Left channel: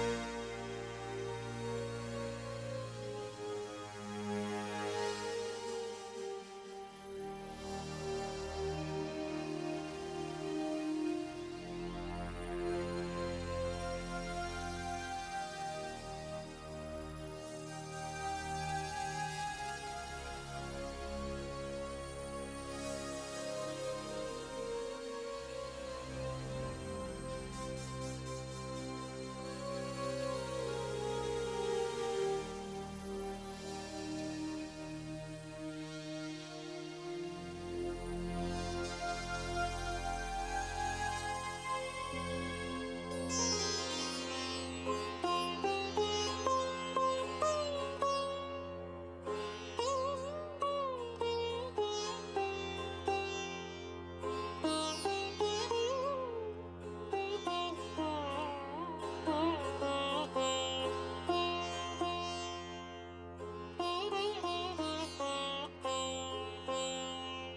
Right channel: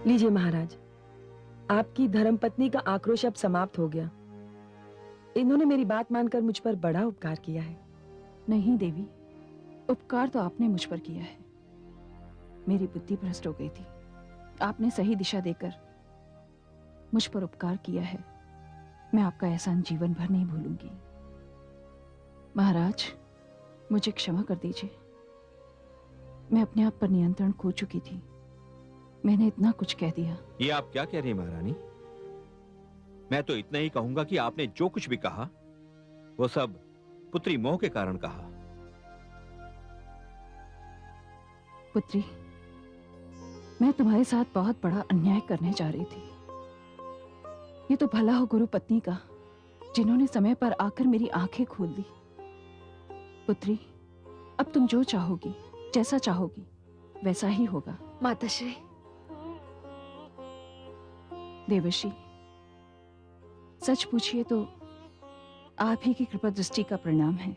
लीजिए महाराज, आपकी धर्मपत्नी का आक्रोश अब समाप्त हो गया। इन्होंने मेरी बात मानकर मुझ पर बड़ा उपकार किया है। नहीं देवी, उपकार तो आपने मुझ पर किया है। मेरी बुद्धि भ्रष्ट हो गई थी, आपने सही दिशा देकर मुझ पर उपकार किया है। मैं आपका एहसान जीवन भर नहीं भूलूंगी। महाराज, मुझे क्षमा कर दीजिए। मैं अपने आप पर नियंत्रण खो चुकी थी। मैंने इतना कुछ कह दिया। ये आप क्या कह रही हैं महारानी? मैं तो इतना ही कहूंगा कि आपने जो कुछ भी कहा वो सब पुत्री मोह के कारण कहा। पुत्री, मैं तुम्हारे साथ बहुत बड़ा अन्याय करने जा रही थी। ये तो भला हो गुरु पत्नी का, जिन्होंने समय पर आकर मेरी आंखें खोल दी। पुत्री, अब तुम जो चाहोगी, जैसा चाहोगी, वैसा ही होगा। माताश्री। देवर्षि, सच पूछिए तो आप ही की कृपा दृष्टि का परिणाम है।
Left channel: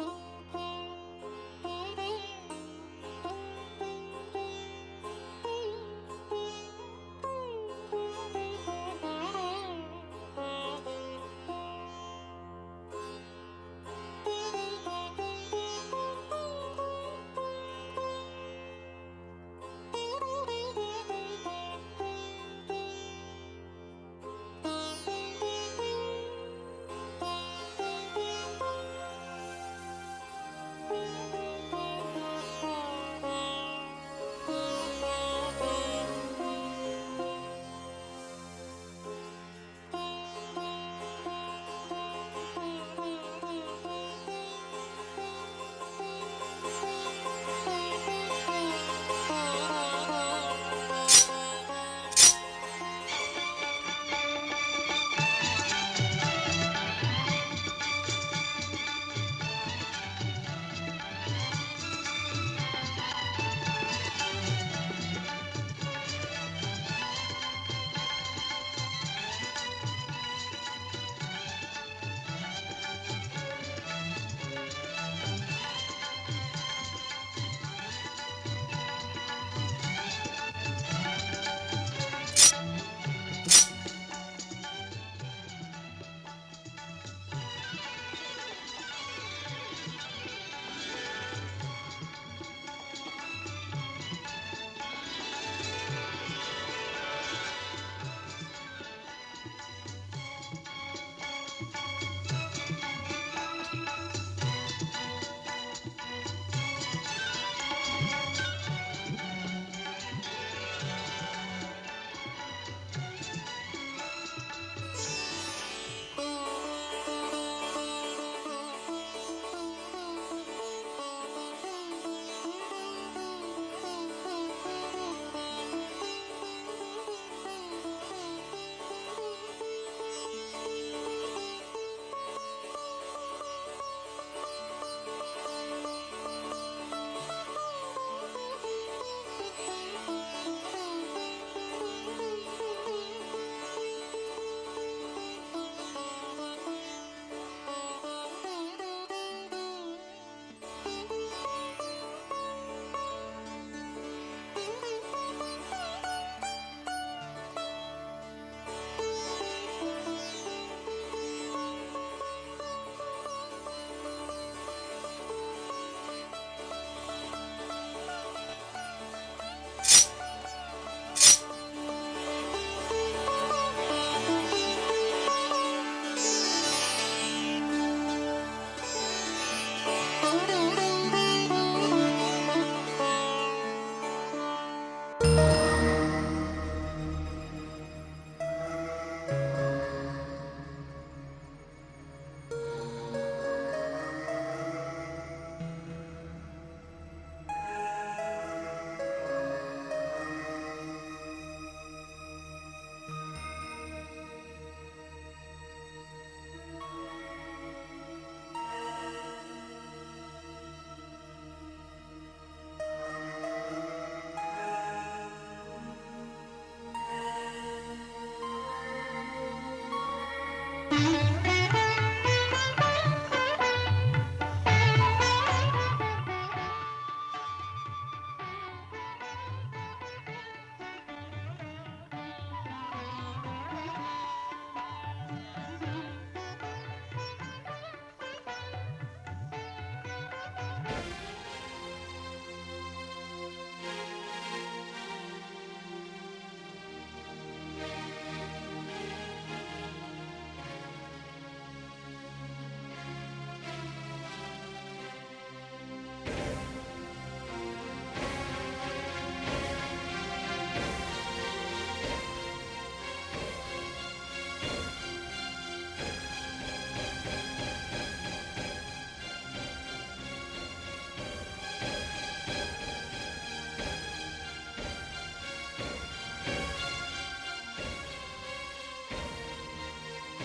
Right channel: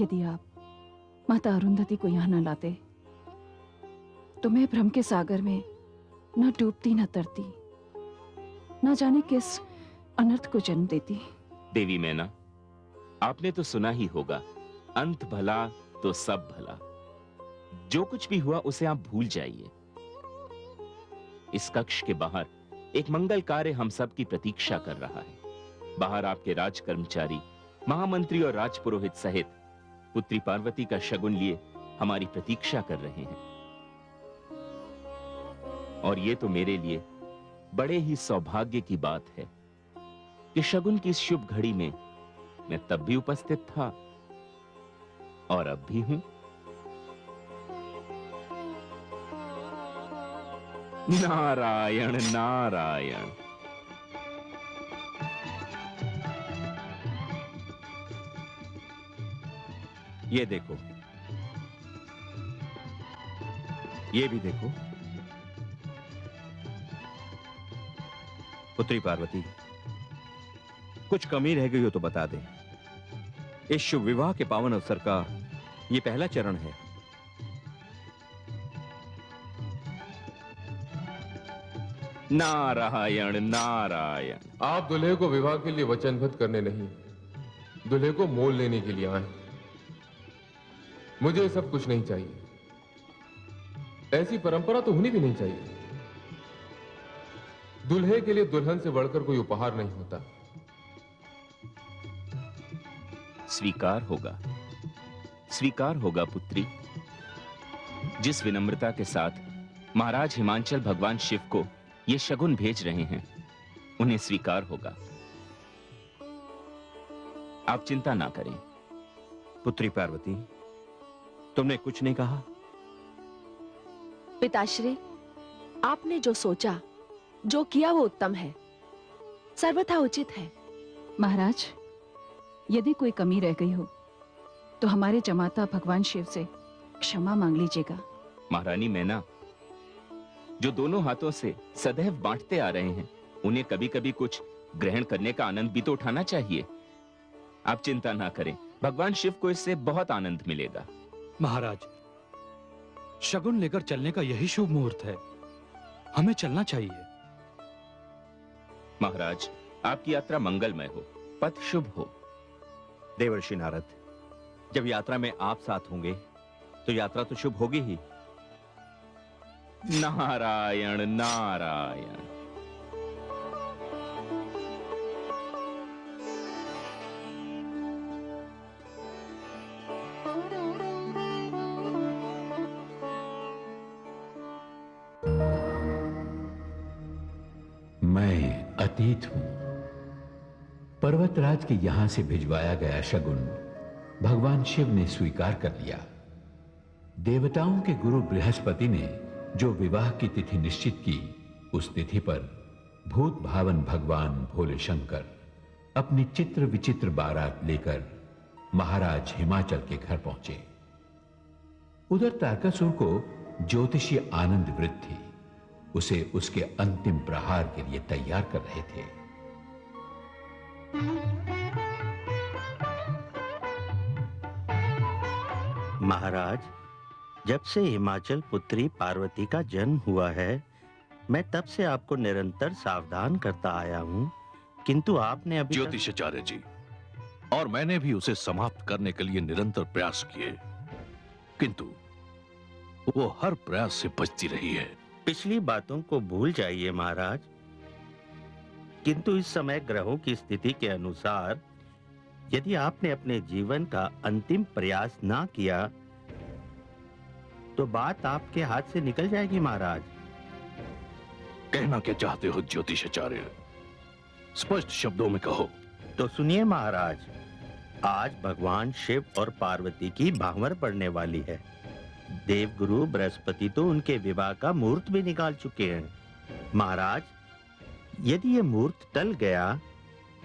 यदि आप माता अरुंधति को यहाँ न लाते तो मैं भ्रम के सागर में न डूबती न तरती, न जाने किस अनर्थ को जन्म देती। देवी मैना, आपने तो सुना ही होगा, अंत भला तो सब भला। जो कुछ भी हुआ उसे आप भूल जाइए। इस कक्ष के बाहर एक मंगल कार्य हम सब की प्रतीक्षा कर रहा है। बाहर आपके राज कर्मचारी, महामंत्री और राजपुरोहित सहित पुत्री पार्वती का शगुन लिए हमारी प्रतीक्षा कर रहे हैं। और ये तो मेरे लिए बड़े ही सौभाग्य की बात है कि शगुन की इस शुभ घड़ी में मैं तब भी उपस्थित था और अब भी हूं। नारायण नारायण। ये देखो, ये भी देखो। पुत्री पार्वती, कुछ कमी रह गई हो तो बता दे। इस शुभ विवाह के पावन अवसर का ये पहला चरण है। नारायण नारायण। आप दूल्हे को विवाह के लिए वचनबद्ध करने नहीं, दूल्हे को मोल लेने के लिए आए। मुझे सब कुछ नहीं चाहिए। ऐसी परंपरा तो होनी भी नहीं चाहिए। दूल्हे के लिए दुल्हन से बढ़कर कोई उपहार नहीं होता। स्वीकार होगा, स्वीकार होगा पुत्री। जिस विनम्रता के साथ महाराज हिमांचल भगवान शिव को ये शगुन भेज रहे हैं, उन्हें स्वीकार होगा। आप चिंता ना करें। पुत्री पार्वती, तुमने कुछ नहीं कहा। पिताश्री, आपने जो सोचा, जो किया वो उत्तम है, सर्वथा उचित है। महाराज, यदि कोई कमी रह गई हो तो हमारे जमाता भगवान शिव से क्षमा मांग लीजिएगा। महारानी मैना, जो दोनों हाथों से सदैव बांटते आ रहे हैं, उन्हें कभी कभी कुछ ग्रहण करने का आनंद भी तो उठाना चाहिए। आप चिंता ना करें, भगवान शिव को इससे बहुत आनंद मिलेगा। महाराज, शगुन लेकर चलने का यही शुभ मुहूर्त है। हमें चलना चाहिए। महाराज, आपकी यात्रा मंगलमय हो, पथ शुभ हो। देवर्षि नारद, जब यात्रा में आप साथ होंगे तो यात्रा तो शुभ होगी ही। नारायण नारायण। मैं अतीत हूं। पर्वतराज के यहां से भिजवाया गया शगुन भगवान शिव ने स्वीकार कर लिया। देवताओं के गुरु बृहस्पति ने जो विवाह की तिथि निश्चित की, उस तिथि पर भूत भावन भगवान भोले शंकर अपनी चित्र विचित्र बारात लेकर महाराज हिमाचल के घर पहुंचे। उधर तारकासुर को ज्योतिषी आनंद वृत्त थी। उसे उसके अंतिम प्रहार के लिए तैयार कर रहे थे। महाराज, जब से हिमाचल पुत्री पार्वती का जन्म हुआ है, मैं तब से आपको निरंतर सावधान करता आया हूँ, किंतु आपने अभी ज्योतिषाचार्य जी, और मैंने भी उसे समाप्त करने के लिए निरंतर प्रयास किए, किंतु वो हर प्रयास से बचती रही है। पिछली बातों को भूल जाइए महाराज, किंतु इस समय ग्रहों की स्थिति के अनुसार यदि आपने अपने जीवन का अंतिम प्रयास ना किया तो बात आपके हाथ से निकल जाएगी महाराज। कहना क्या चाहते हो ज्योतिषाचार्य? स्पष्ट शब्दों में कहो। तो सुनिए महाराज, आज भगवान शिव और पार्वती की भांवर पड़ने वाली है। देवगुरु बृहस्पति तो उनके विवाह का मुहूर्त भी निकाल चुके हैं। महाराज, यदि ये मुहूर्त टल गया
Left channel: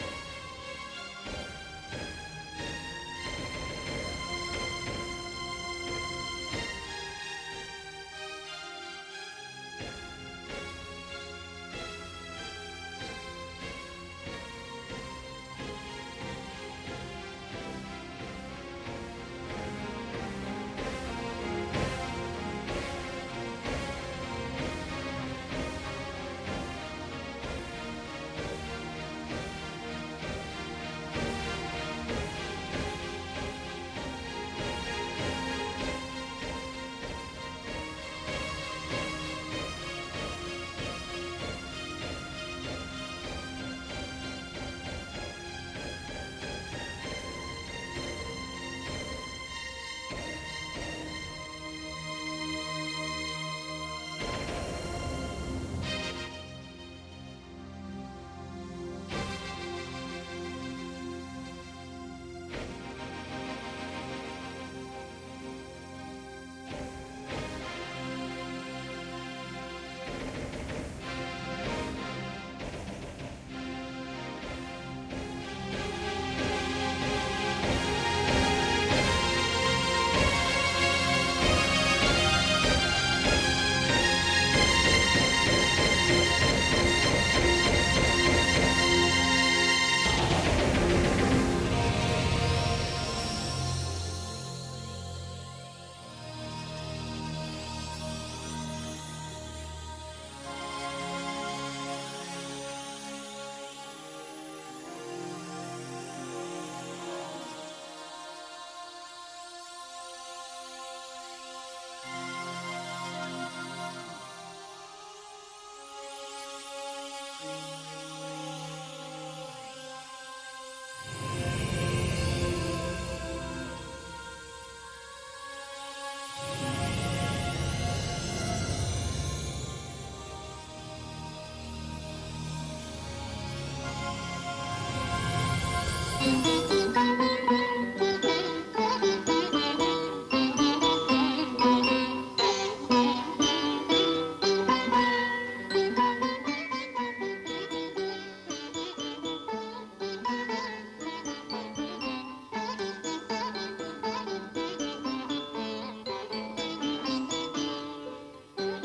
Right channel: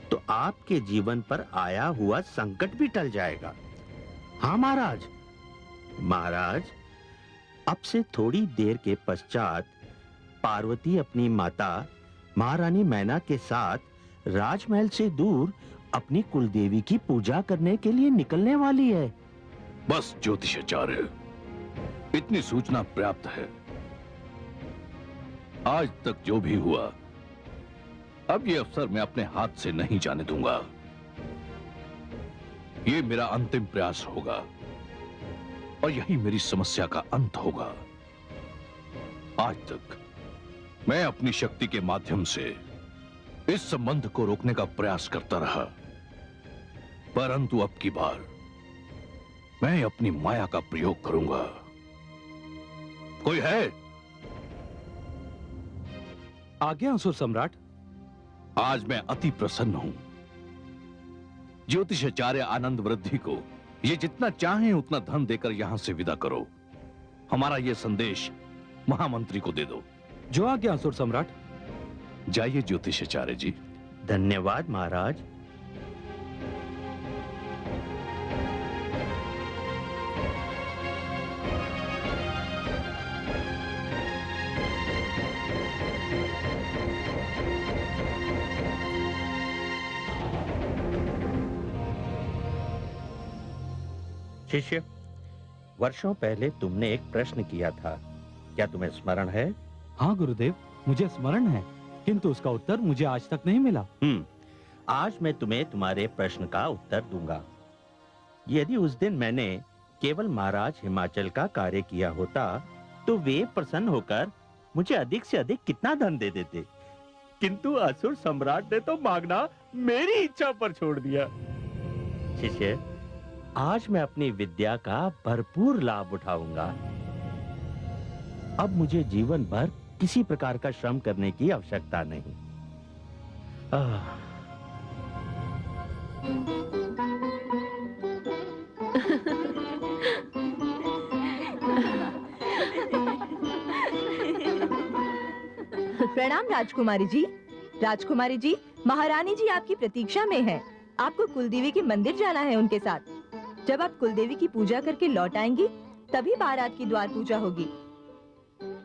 तो आपके जीवन पर आया हुआ संकट भी टल जाएगा। हाँ महाराज। महाराज, अब से थोड़ी देर के पश्चात पार्वती अपनी माता महारानी मैना के साथ राजमहल से दूर अपनी कुलदेवी की पूजा करने के लिए निकलने वाली है। बस ज्योतिषाचार्य, इतनी सूचना पर्याप्त है। आज तक जो भी हुआ, अब ये अवसर मैं अपने हाथ से नहीं जाने दूंगा। ये मेरा अंतिम प्रयास होगा और यही मेरी समस्या का अंत होगा। आज तक मैं अपनी शक्ति के माध्यम से इस संबंध को रोकने का प्रयास करता रहा, परंतु अब की बार मैं अपनी माया का प्रयोग करूंगा। कोई है? आज्ञा असुर सम्राट। आज मैं अति प्रसन्न हूं। ज्योतिषाचार्य आनंद वृद्धि को ये जितना चाहे उतना धन देकर यहां से विदा करो। हमारा ये संदेश महामंत्री को दे दो। जो आज्ञा असुर सम्राट। जाइए ज्योतिषाचार्य जी। धन्यवाद महाराज। शिष्य, वर्षों पहले तुमने एक प्रश्न किया था, क्या तुम्हें स्मरण है? हाँ गुरुदेव, मुझे स्मरण है, किंतु उसका उत्तर मुझे आज तक नहीं मिला। आज मैं तुम्हें तुम्हारे प्रश्न का उत्तर दूंगा। यदि उस दिन मैंने केवल महाराज हिमाचल का कार्य किया होता तो वे प्रसन्न होकर मुझे अधिक से अधिक कितना धन दे देते, किंतु असुर सम्राट ने तो मांगना मेरी इच्छा पर छोड़ दिया। ठीक है, आज मैं अपनी विद्या का भरपूर लाभ उठाऊंगा। अब मुझे जीवन भर किसी प्रकार का श्रम करने की आवश्यकता नहीं। प्रणाम राजकुमारी जी। राजकुमारी जी, महारानी जी आपकी प्रतीक्षा में हैं। आपको कुलदेवी के मंदिर जाना है उनके साथ। जब आप कुलदेवी की पूजा करके लौट आएंगी तभी बारात की द्वार पूजा होगी।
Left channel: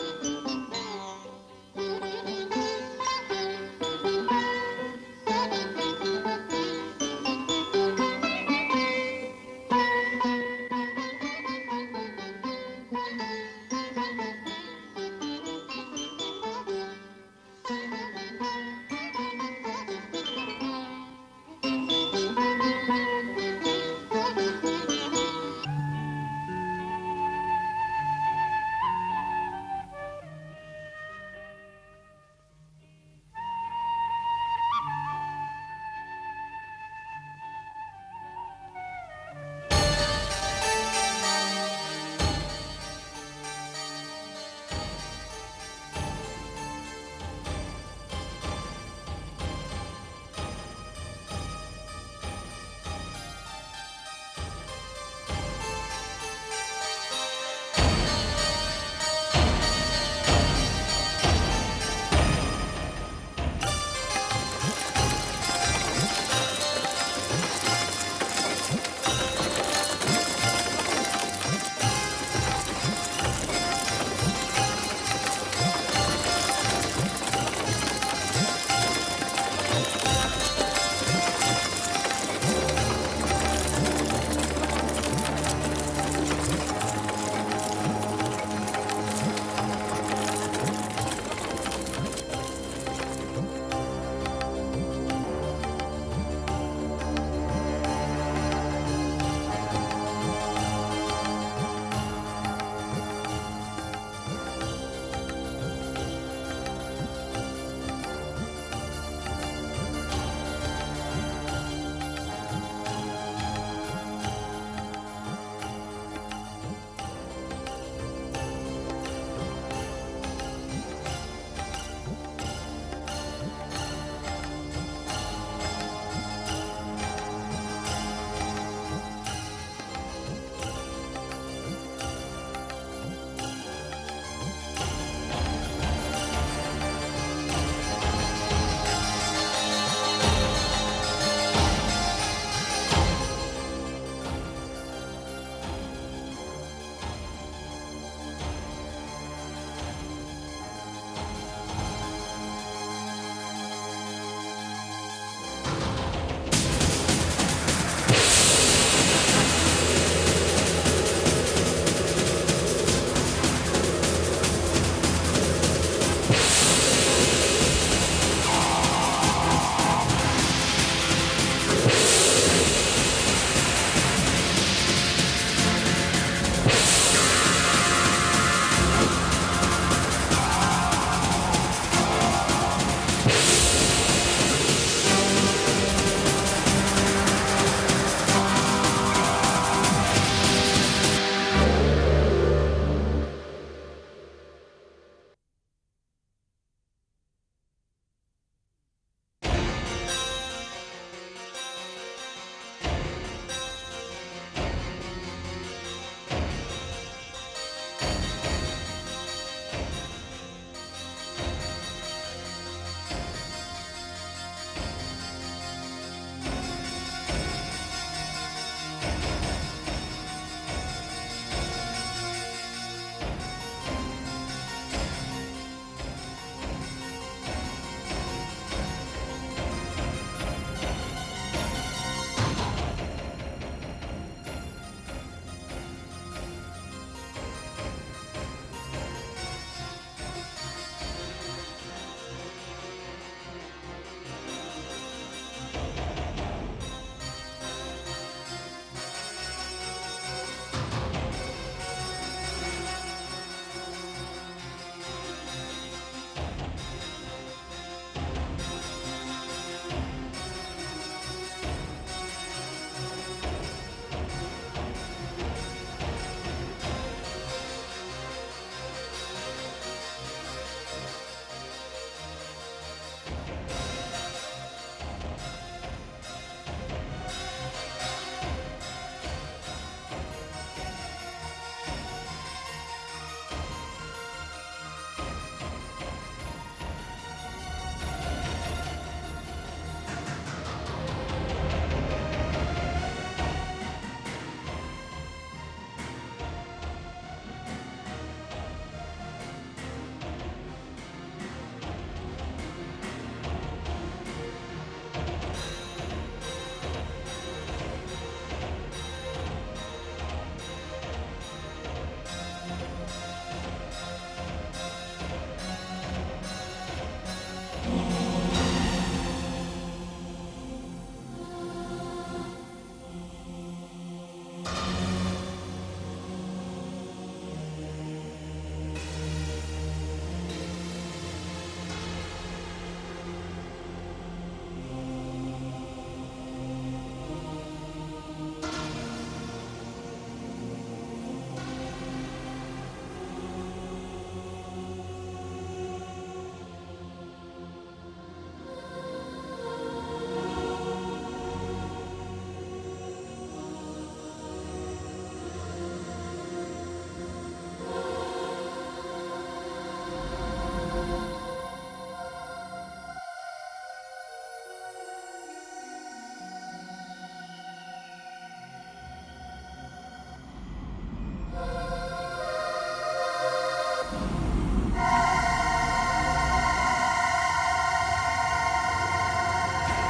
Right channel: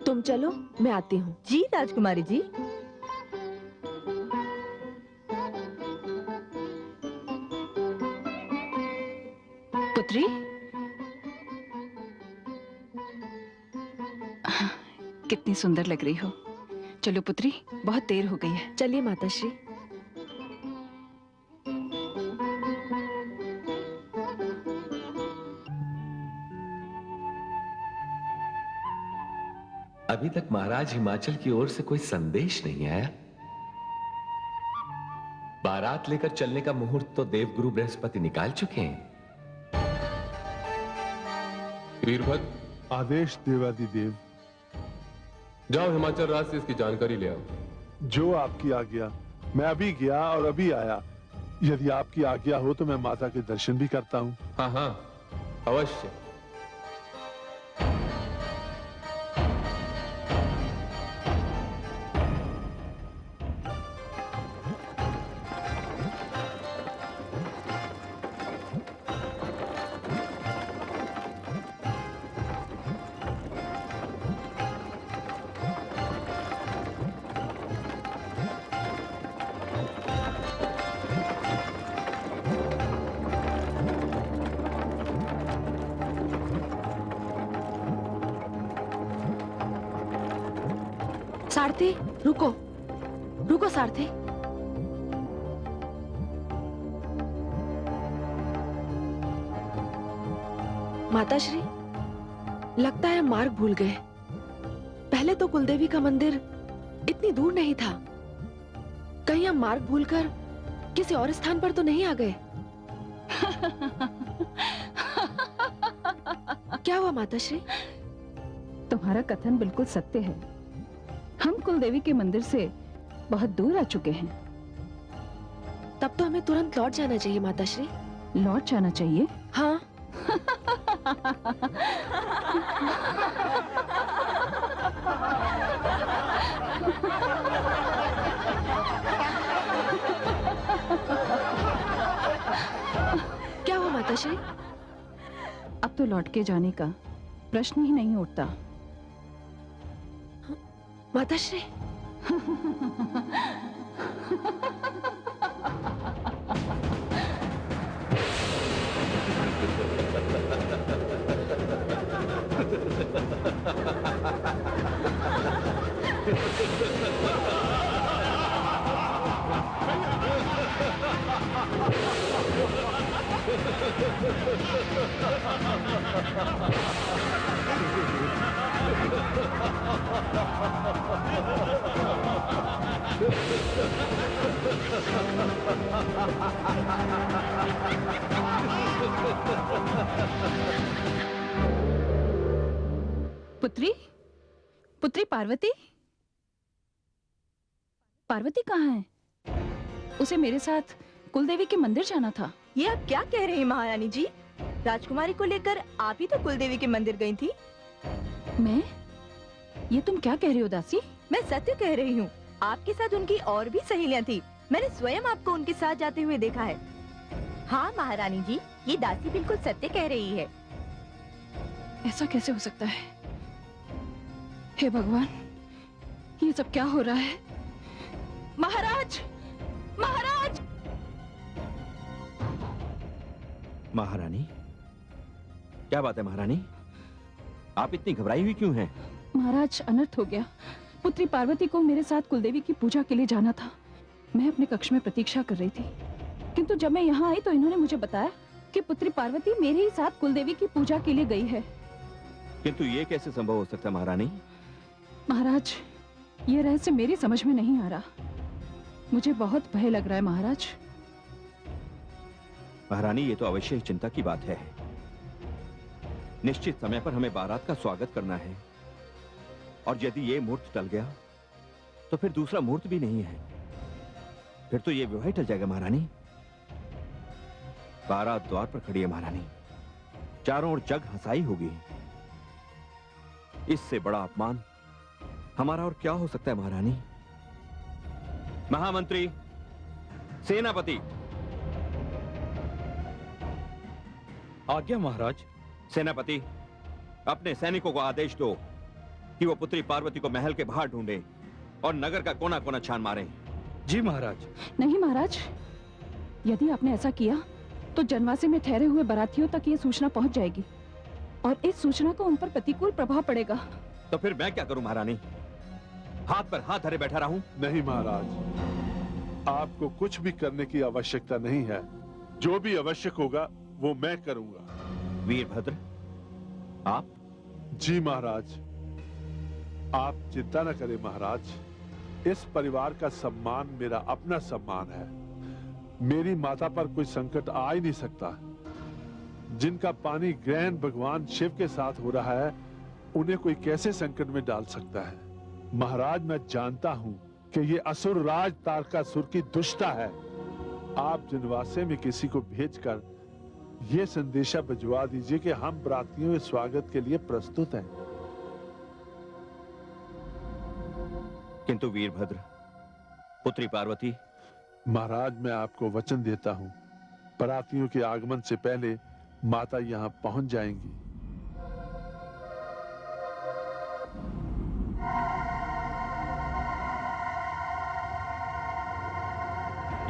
तुम चलो, मैं आती हूँ। जी राजकुमारी जी। पुत्री, कितनी सुंदर लग रही हो। चलो पुत्री, बहुत देर हो गई है। चलिए माताश्री। अभी तक महाराज हिमाचल की ओर से कोई संदेश नहीं आया। बारात लेकर चलने का मुहूर्त तो देवगुरु बृहस्पति निकाल चुके हैं। वीरभद्र, आदेश देवाधिदेव। जाओ हिमाचल राज से इसकी जानकारी ले आओ। जो आपकी आज्ञा। मैं अभी गया और अभी आया। यदि आपकी आज्ञा हो तो मैं माता के दर्शन भी करता हूँ। हाँ हाँ, अवश्य। सारथी, रुको, रुको सारथी। माताश्री, लगता है मार्ग भूल गए। पहले तो कुलदेवी का मंदिर इतनी दूर नहीं था। कहीं हम मार्ग भूलकर किसी और स्थान पर तो नहीं आ गए? क्या हुआ माताश्री? तुम्हारा कथन बिल्कुल सत्य है। हम कुलदेवी के मंदिर से बहुत दूर आ चुके हैं। तब तो हमें तुरंत लौट जाना चाहिए माताश्री। लौट जाना चाहिए? हाँ। क्या हुआ माताश्री? अब तो लौट के जाने का प्रश्न ही नहीं उठता। माताश्री, पुत्री, पुत्री पार्वती, पार्वती कहाँ है? उसे मेरे साथ कुलदेवी के मंदिर जाना था। ये आप क्या कह रहे हैं महारानी जी? राजकुमारी को लेकर आप ही तो कुलदेवी के मंदिर गई थी। मैं? ये तुम क्या कह रही हो दासी? मैं सत्य कह रही हूँ। आपके साथ उनकी और भी सहेलियाँ थी। मैंने स्वयं आपको उनके साथ जाते हुए देखा है। हाँ महारानी जी, ये दासी बिल्कुल सत्य कह रही है। ऐसा कैसे हो सकता है? हे भगवान, ये सब क्या हो रहा है? महाराज, महाराज! महारानी, क्या बात है महारानी? आप इतनी घबराई हुई क्यों हैं? महाराज, अनर्थ हो गया। पुत्री पार्वती को मेरे साथ कुलदेवी की पूजा के लिए जाना था। मैं अपने कक्ष में प्रतीक्षा कर रही थी, किंतु जब मैं यहाँ आई तो इन्होंने मुझे बताया कि पुत्री पार्वती मेरे ही साथ कुलदेवी की पूजा के लिए गई है। किंतु ये कैसे संभव हो सकता महारानी? महाराज, ये रहस्य मेरी समझ में नहीं आ रहा। मुझे बहुत भय लग रहा है महाराज। महारानी, ये तो अवश्य ही चिंता की बात है। निश्चित समय पर हमें बारात का स्वागत करना है, और यदि ये मुहूर्त चल गया तो फिर दूसरा मुहूर्त भी नहीं है। फिर तो ये विवाह चल जाएगा महारानी। बारात द्वार पर खड़ी है महारानी, चारों ओर जग हंसाई होगी। इससे बड़ा अपमान हमारा और क्या हो सकता है महारानी? महामंत्री, सेनापति। आज्ञा महाराज। सेनापति, अपने सैनिकों को आदेश दो कि वो पुत्री पार्वती को महल के बाहर ढूंढे और नगर का कोना कोना छान मारे। जी महाराज। नहीं महाराज, यदि आपने ऐसा किया तो जनवासे में ठहरे हुए बारातियों तक ये सूचना पहुंच जाएगी, और इस सूचना का उन पर प्रतिकूल प्रभाव पड़ेगा। तो फिर मैं क्या करूं महारानी? हाथ पर हाथ धरे बैठा रहूं? नहीं महाराज, आपको कुछ भी करने की आवश्यकता नहीं है। जो भी आवश्यक होगा वो मैं करूंगा। वीरभद्र, आप? जी महाराज, आप चिंता न करें महाराज। इस परिवार का सम्मान मेरा अपना सम्मान है। मेरी माता पर कोई संकट आ ही नहीं सकता। जिनका पानी ग्रहण भगवान शिव के साथ हो रहा है, उन्हें कोई कैसे संकट में डाल सकता है? महाराज, मैं जानता हूं कि ये असुर राज तारकासुर की दुष्टता है। आप विधवासे में किसी को भेजकर ये संदेशा भिजवा दीजिए कि हम प्रार्थनियों के स्वागत के लिए प्रस्तुत हैं। किंतु वीरभद्र, पुत्री पार्वती? महाराज, मैं आपको वचन देता हूं, प्रार्थनियों के आगमन से पहले माता यहां पहुंच जाएंगी।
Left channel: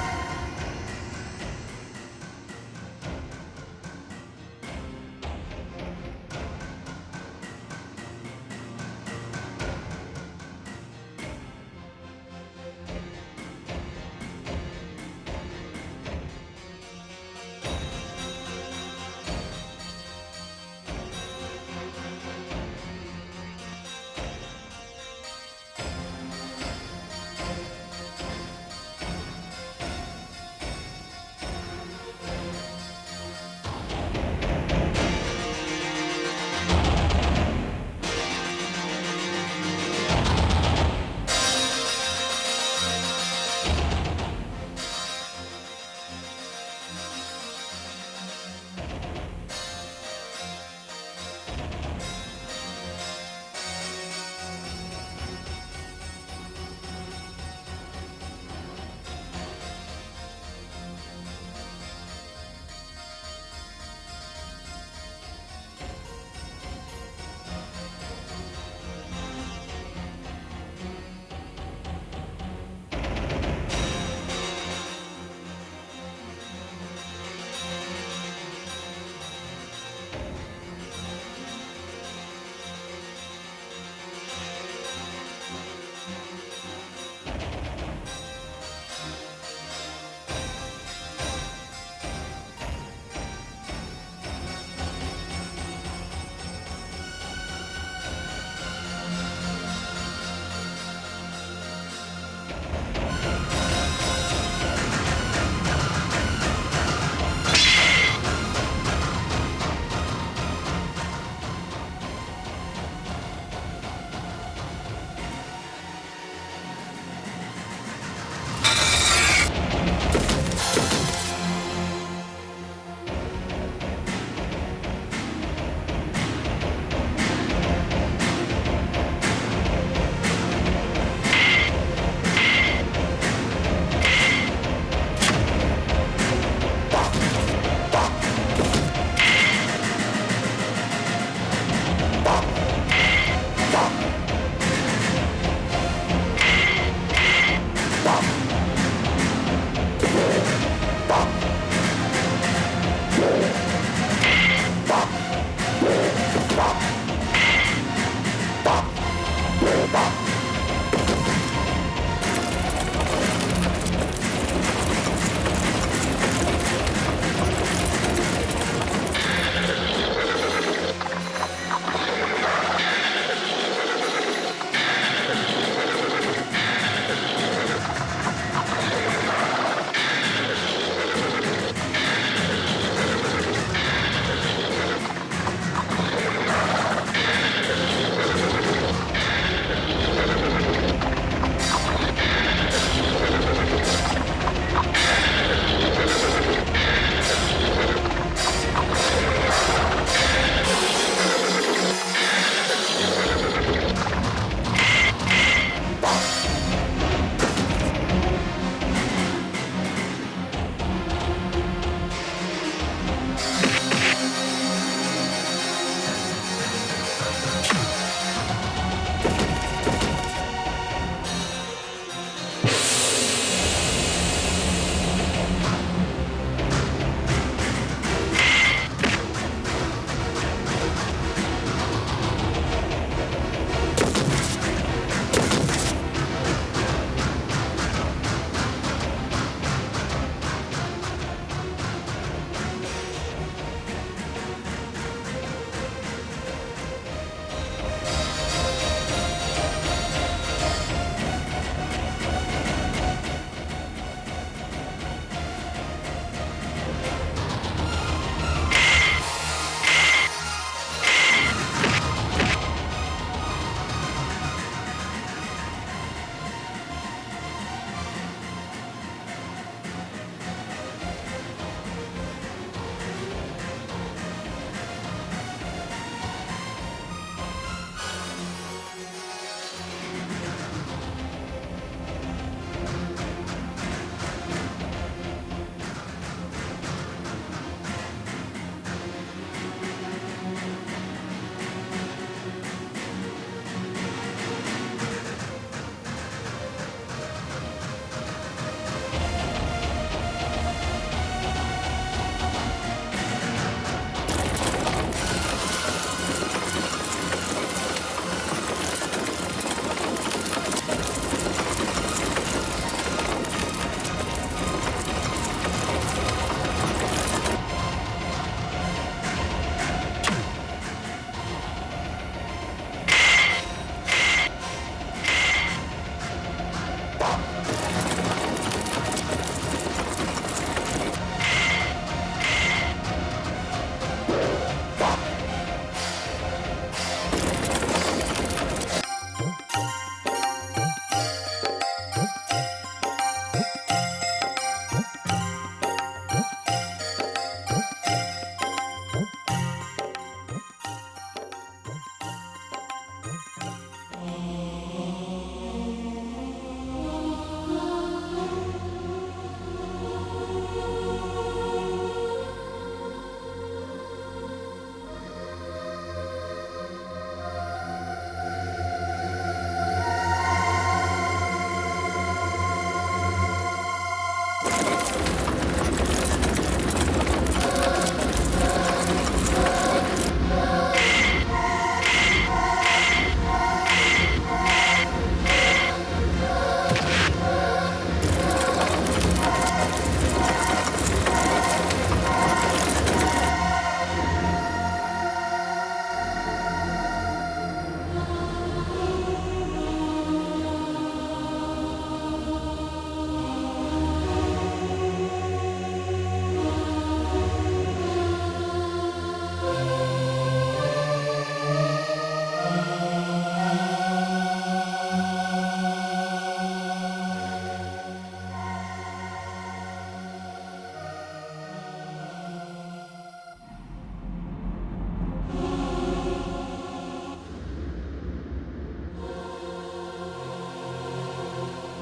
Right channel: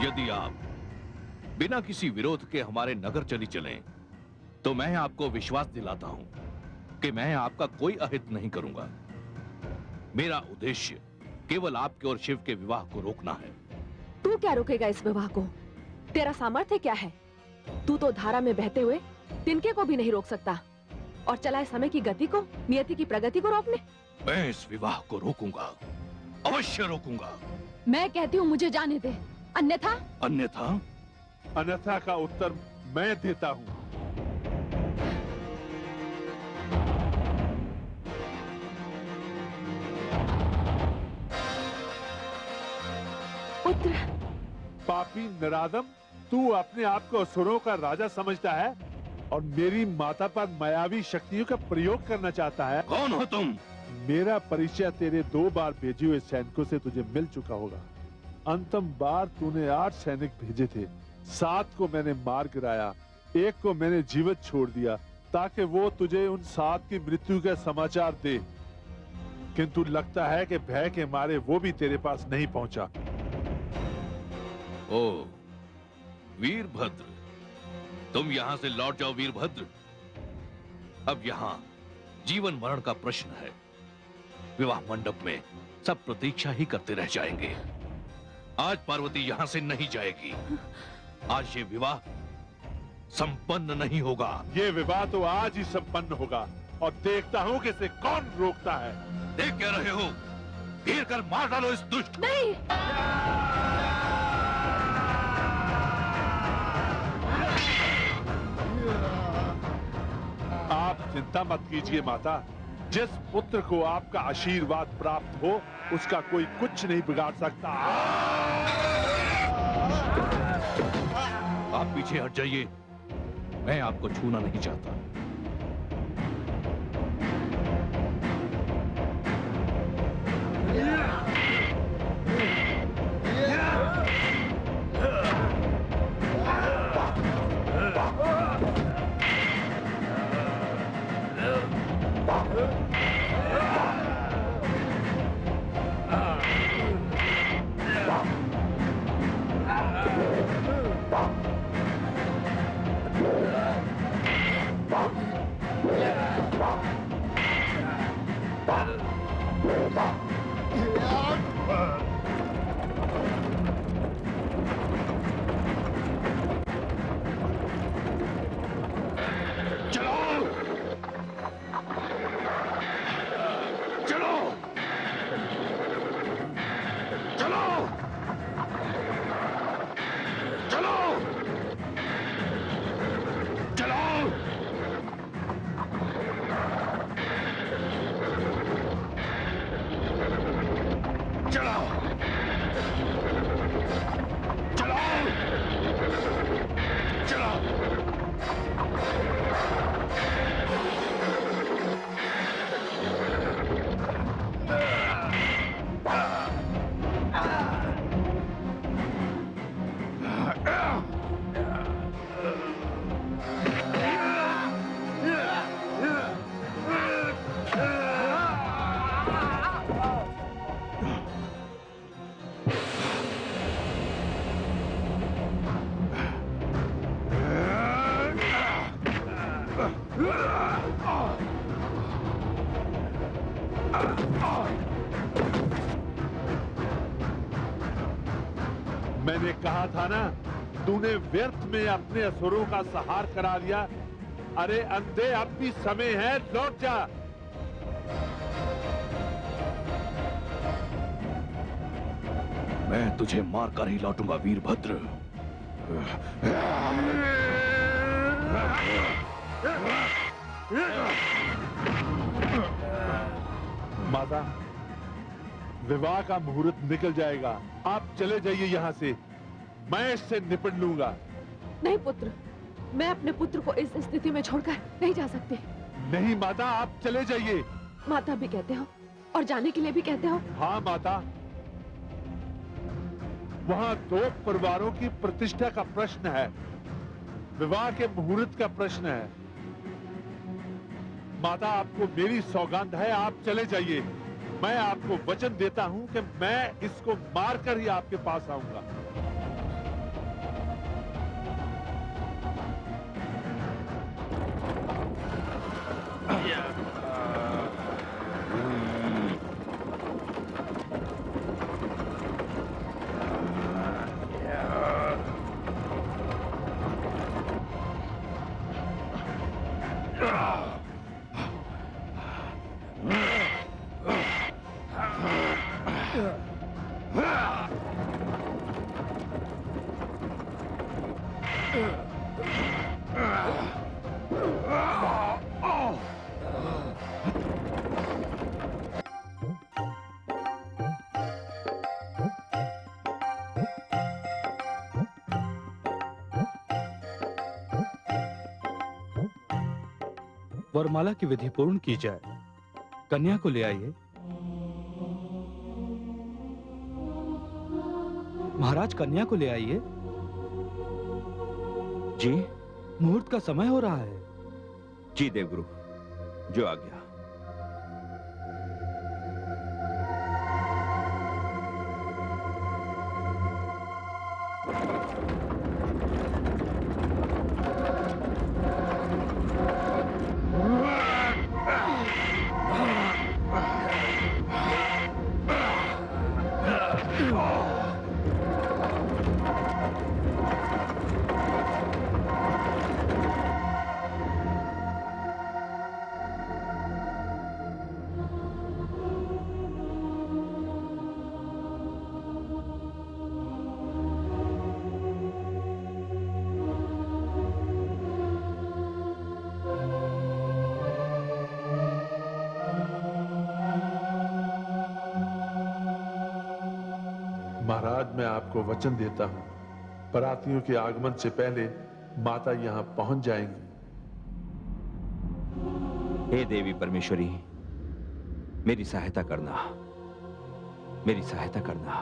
यदि आप बिना किसी विरोध के हमारे नगर चली चलें, तो मैं आपको विश्वास दिलाता हूं कि मैं आपका कोई अहित नहीं करूंगा। मेरा उद्देश्य केवल आपके और शिव के विवाह को रोकना। तू क्या रोकेगा इस विवाह को? तेरा सामर्थ्य क्या है? तू तो धारा में बहते हुए तिनके को भी नहीं रोक सकता और चला है समय की गति को, नियति की प्रगति को रोक ले। मैं इस विवाह को रोकूंगा, अवश्य रोकूंगा। मैं कहती हूँ मुझे जाने दो, अन्यथा अन्यथा अन्यथा का उत्तर मैं देता हूँ। पापी निरादम, तू अपने आप को असुरों का राजा समझता है और मेरी माता पर मायावी शक्तियों का प्रयोग करना चाहता है। कौन हो तुम? मेरा परिचय तेरे 2 बार भेजे हुए सैनिकों से तुझे मिल चुका होगा। अंतिम बार तूने 8 सैनिक भेजे थे, 7 को मैंने मार गिराया, 1 को मैंने जीवित छोड़ दिया ताकि वो तुझे उन 7 की मृत्यु का समाचार दे, किंतु लगता है कि भय के मारे वो भी तेरे पास नहीं पहुंचा। ओ वीरभद्र, तुम यहां से लौट जाओ वीरभद्र। अब यहां जीवन मरण का प्रश्न है। विवाह मंडप में सब प्रतीक्षा ही करते रह जाएंगे। आज पार्वती यहां से नहीं जाएगी। आज ये विवाह संपन्न नहीं होगा। ये विवाह तो आज ही संपन्न होगा और देखता हूं कि इसे कौन रोकता है। देख क्या रहे हो? तीर कर मार डालो इस दुष्ट। नहीं, चिंता मत कीजिए माता, जिस पुत्र को आपका आशीर्वाद प्राप्त हो उसका कोई कुछ नहीं बिगाड़ सकता। आप पीछे हट जाइए, मैं आपको छूना नहीं चाहता। व्यर्थ में अपने असुरों का संहार करा दिया। अरे अंधे, अब भी समय है, लौट जा। मैं तुझे मारकर ही लौटूंगा वीरभद्र। माता, विवाह का मुहूर्त निकल जाएगा, आप चले जाइए यहाँ से, मैं इससे निपट लूंगा। नहीं पुत्र, मैं अपने पुत्र को इस स्थिति में छोड़कर नहीं जा सकती। नहीं माता, आप चले जाइए। माता भी कहते हो और जाने के लिए भी कहते हो। हाँ माता, वहाँ 2 परिवारों की प्रतिष्ठा का प्रश्न है, विवाह के मुहूर्त का प्रश्न है। माता, आपको मेरी सौगात है, आप चले जाइए। मैं आपको वचन देता हूँ कि मैं इसको मारकर ही आपके पास आऊंगा। वरमाला की विधि पूर्ण की जाए। कन्या को ले आइए। महाराज, कन्या को ले आइए। जी मुहूर्त का समय हो रहा है। जी देवगुरु, जो आज्ञा। महाराज, मैं आपको वचन देता हूँ, परातियों के आगमन से पहले माता यहाँ पहुंच जाएंगी। हे देवी परमेश्वरी, मेरी सहायता करना, मेरी सहायता करना।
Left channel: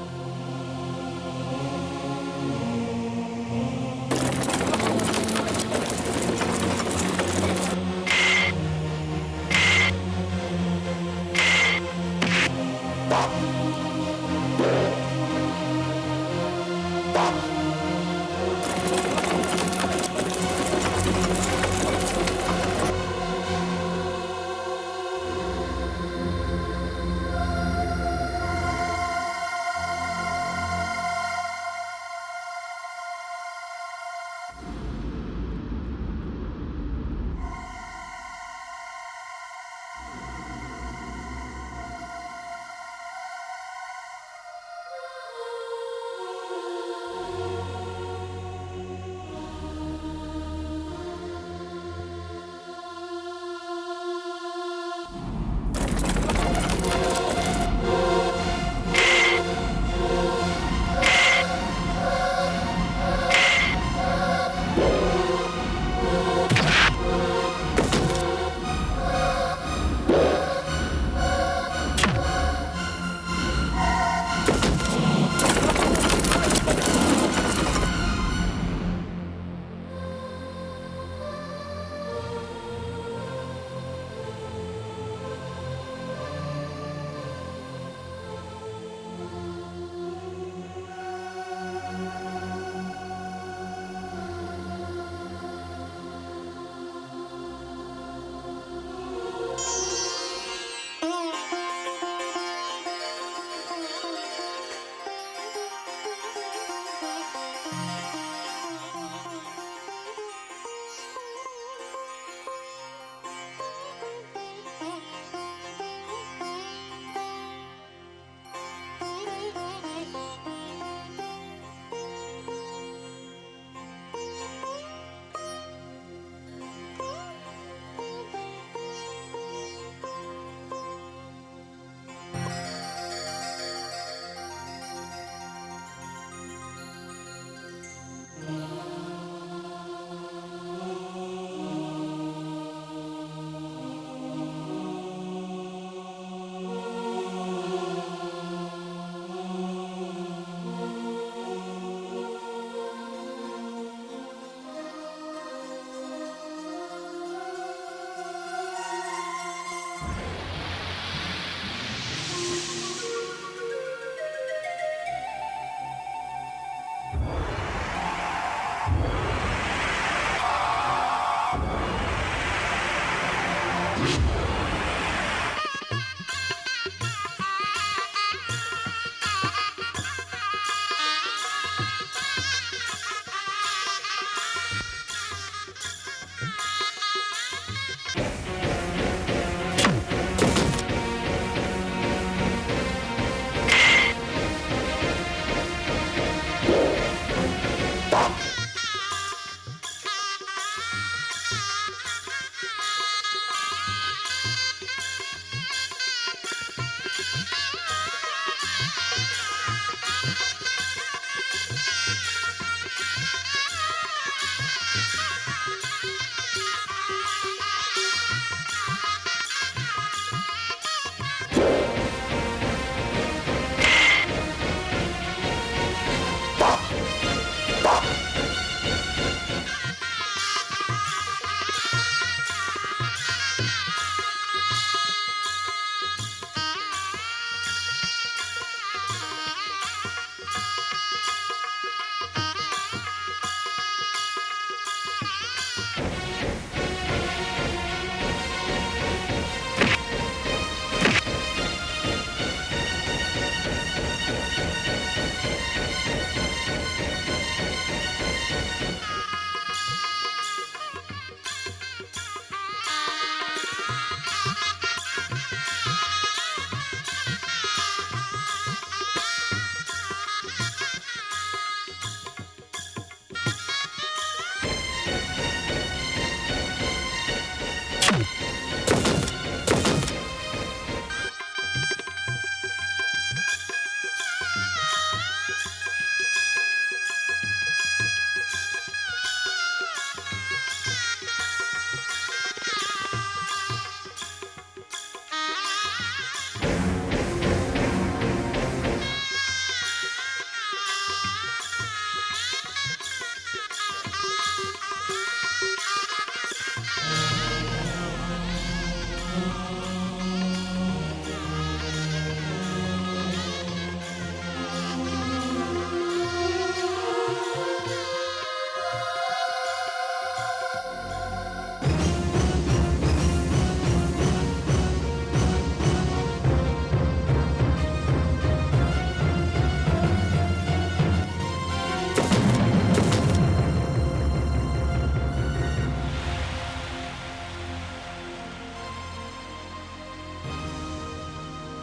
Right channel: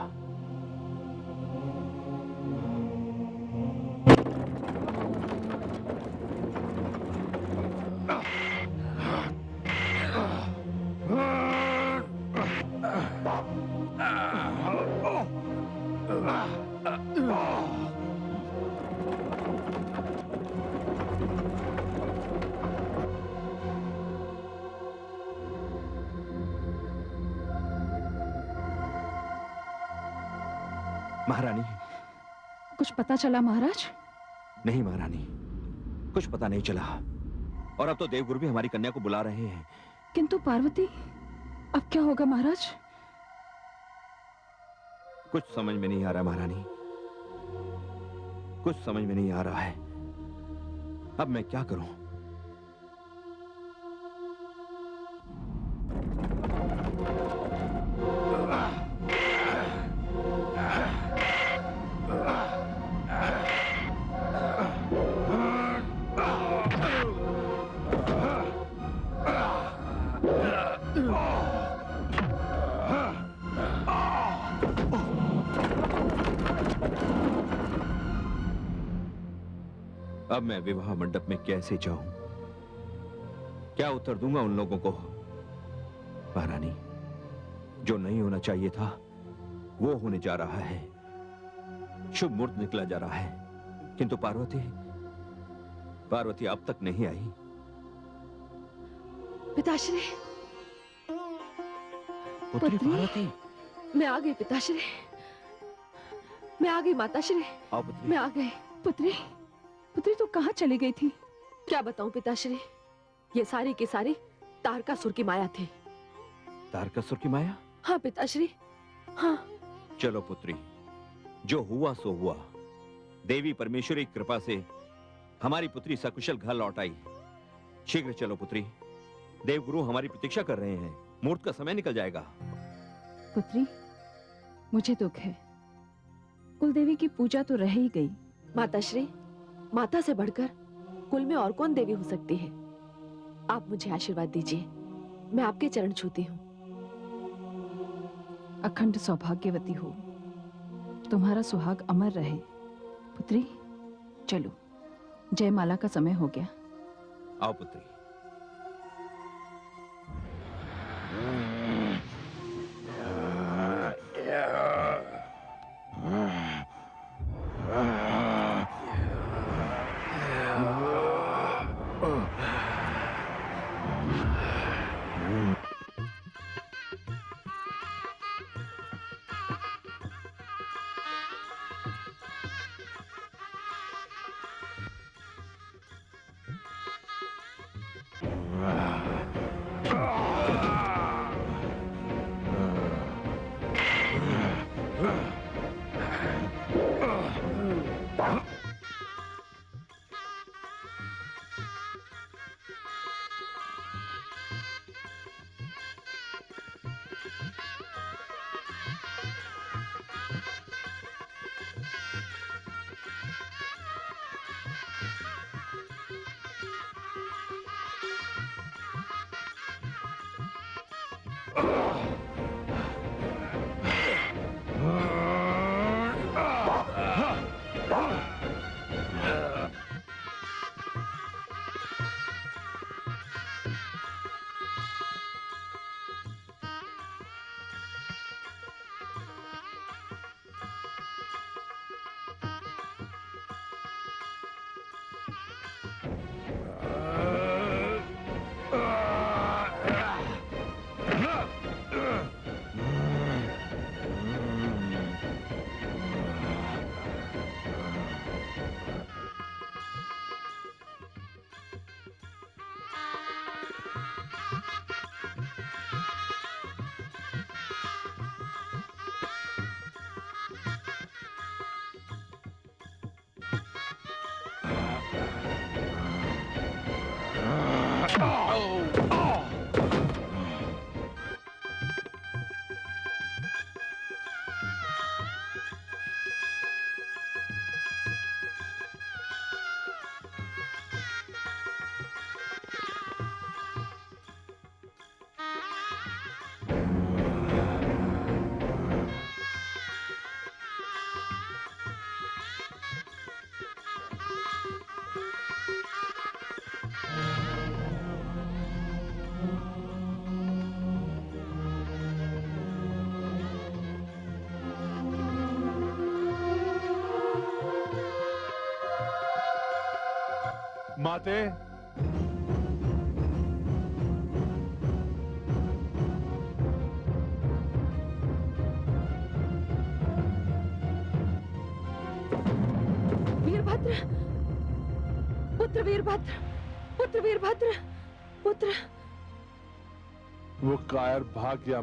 महारानी, कुछ पता चला महाराज? नहीं महारानी, कुछ पता नहीं चला। और अब तो देवगुरु भी हमारी कन्या को बुला रहे हैं। किंतु पार्वती, अब क्या होगा महाराज? कुछ समझ में नहीं आ रहा महारानी, कुछ समझ में नहीं आ रहा है। अब मैं क्या करूं? अब मैं विवाह मंडप में कैसे जाऊं? क्या उत्तर दूंगा उन लोगों को? महारानी, जो नहीं होना चाहिए था वो होने जा रहा है। शुभ मुहूर्त निकला जा रहा है, किंतु पार्वती अब तक नहीं आई। पिताश्री, पुत्री पार्वती, मैं आ गई पिताश्री, मैं आ गई माताश्री, मैं आ गई। पुत्री, पुत्री तो कहाँ चली गई थी? क्या बताऊं पिताश्री, ये सारी की सारी तारकासुर की माया थी। तारकासुर की माया? हाँ पिताश्री, हाँ। चलो पुत्री, जो हुआ सो हुआ। देवी परमेश्वरी की कृपा से हमारी पुत्री सकुशल घर लौट आई। शीघ्र चलो पुत्री, देवगुरु हमारी प्रतीक्षा कर रहे हैं। मुहूर्त का समय निकल जाएगा। पुत्री, मुझे दुख है, कुलदेवी की पूजा तो रह ही गई। माताश्री, माता से बढ़कर कुल में और कौन देवी हो सकती है? आप मुझे आशीर्वाद दीजिए, मैं आपके चरण छूती हूँ। अखंड सौभाग्यवती हो, तुम्हारा सुहाग अमर रहे। पुत्री, चलो, जयमाला का समय हो गया। आओ पुत्री।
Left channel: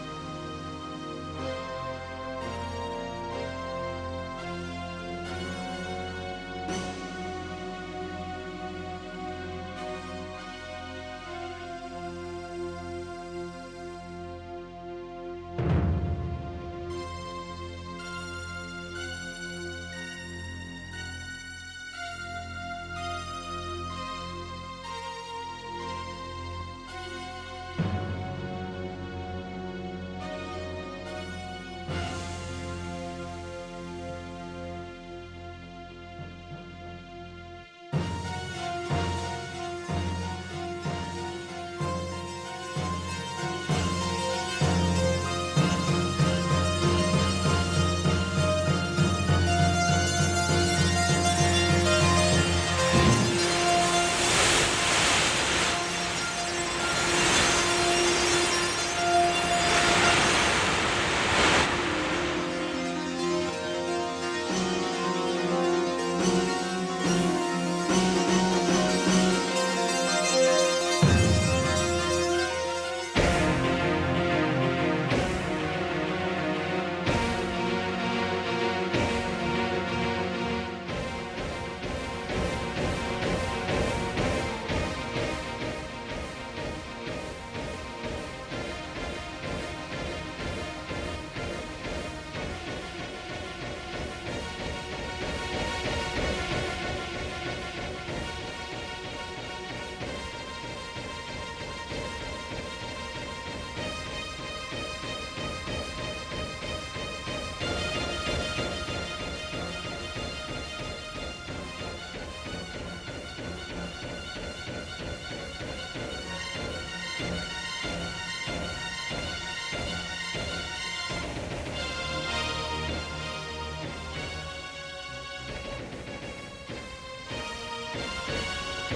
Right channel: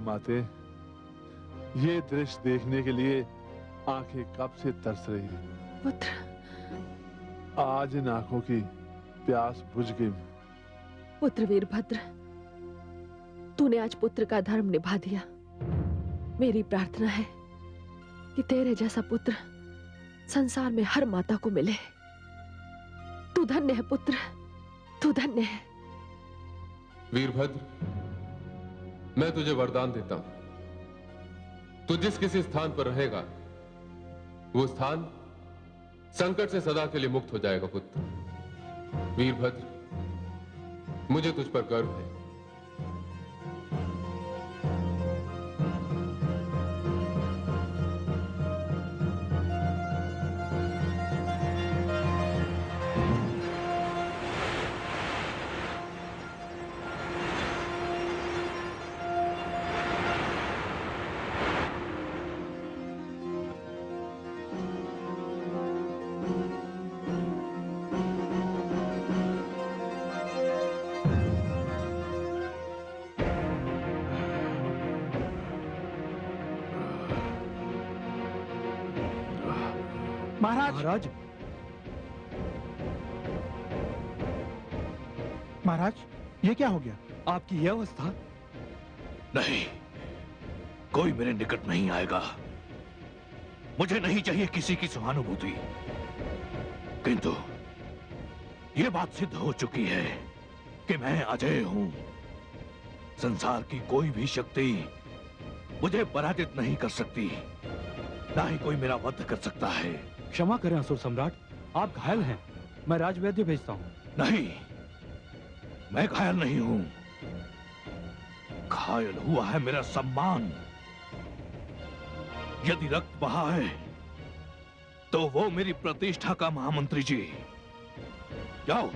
माते, ये दृश्य देखने के लिए आंखें कब से तरस रही हैं। पुत्र, आज इन आंखों की प्यास बुझ गई। पुत्र वीरभद्र, तूने आज पुत्र का धर्म निभा दिया। मेरी प्रार्थना है कि तेरे जैसा पुत्र संसार में हर माता को मिले। तू धन्य है पुत्र, तू धन्य है। वीरभद्र, मैं तुझे वरदान देता हूं, तू जिस किसी स्थान पर रहेगा वो स्थान संकट से सदा के लिए मुक्त हो जाएगा। पुत्र वीरभद्र, मुझे तुझ पर गर्व है। महाराज, महाराज, ये क्या हो गया? आपकी ये अवस्था? नहीं, कोई मेरे निकट नहीं आएगा। मुझे नहीं चाहिए किसी की सहानुभूति। किंतु ये बात सिद्ध हो चुकी है कि मैं अजय हूं। संसार की कोई भी शक्ति मुझे पराजित नहीं कर सकती, ना ही कोई मेरा वध कर सकता है। क्षमा करें असुर सम्राट, आप घायल हैं। मैं राजवैद्य भेजता हूँ। नहीं, मैं घायल नहीं हूं। घायल हुआ है मेरा सम्मान। यदि रक्त बहा है तो वो मेरी प्रतिष्ठा का महामंत्री जी। जाओ,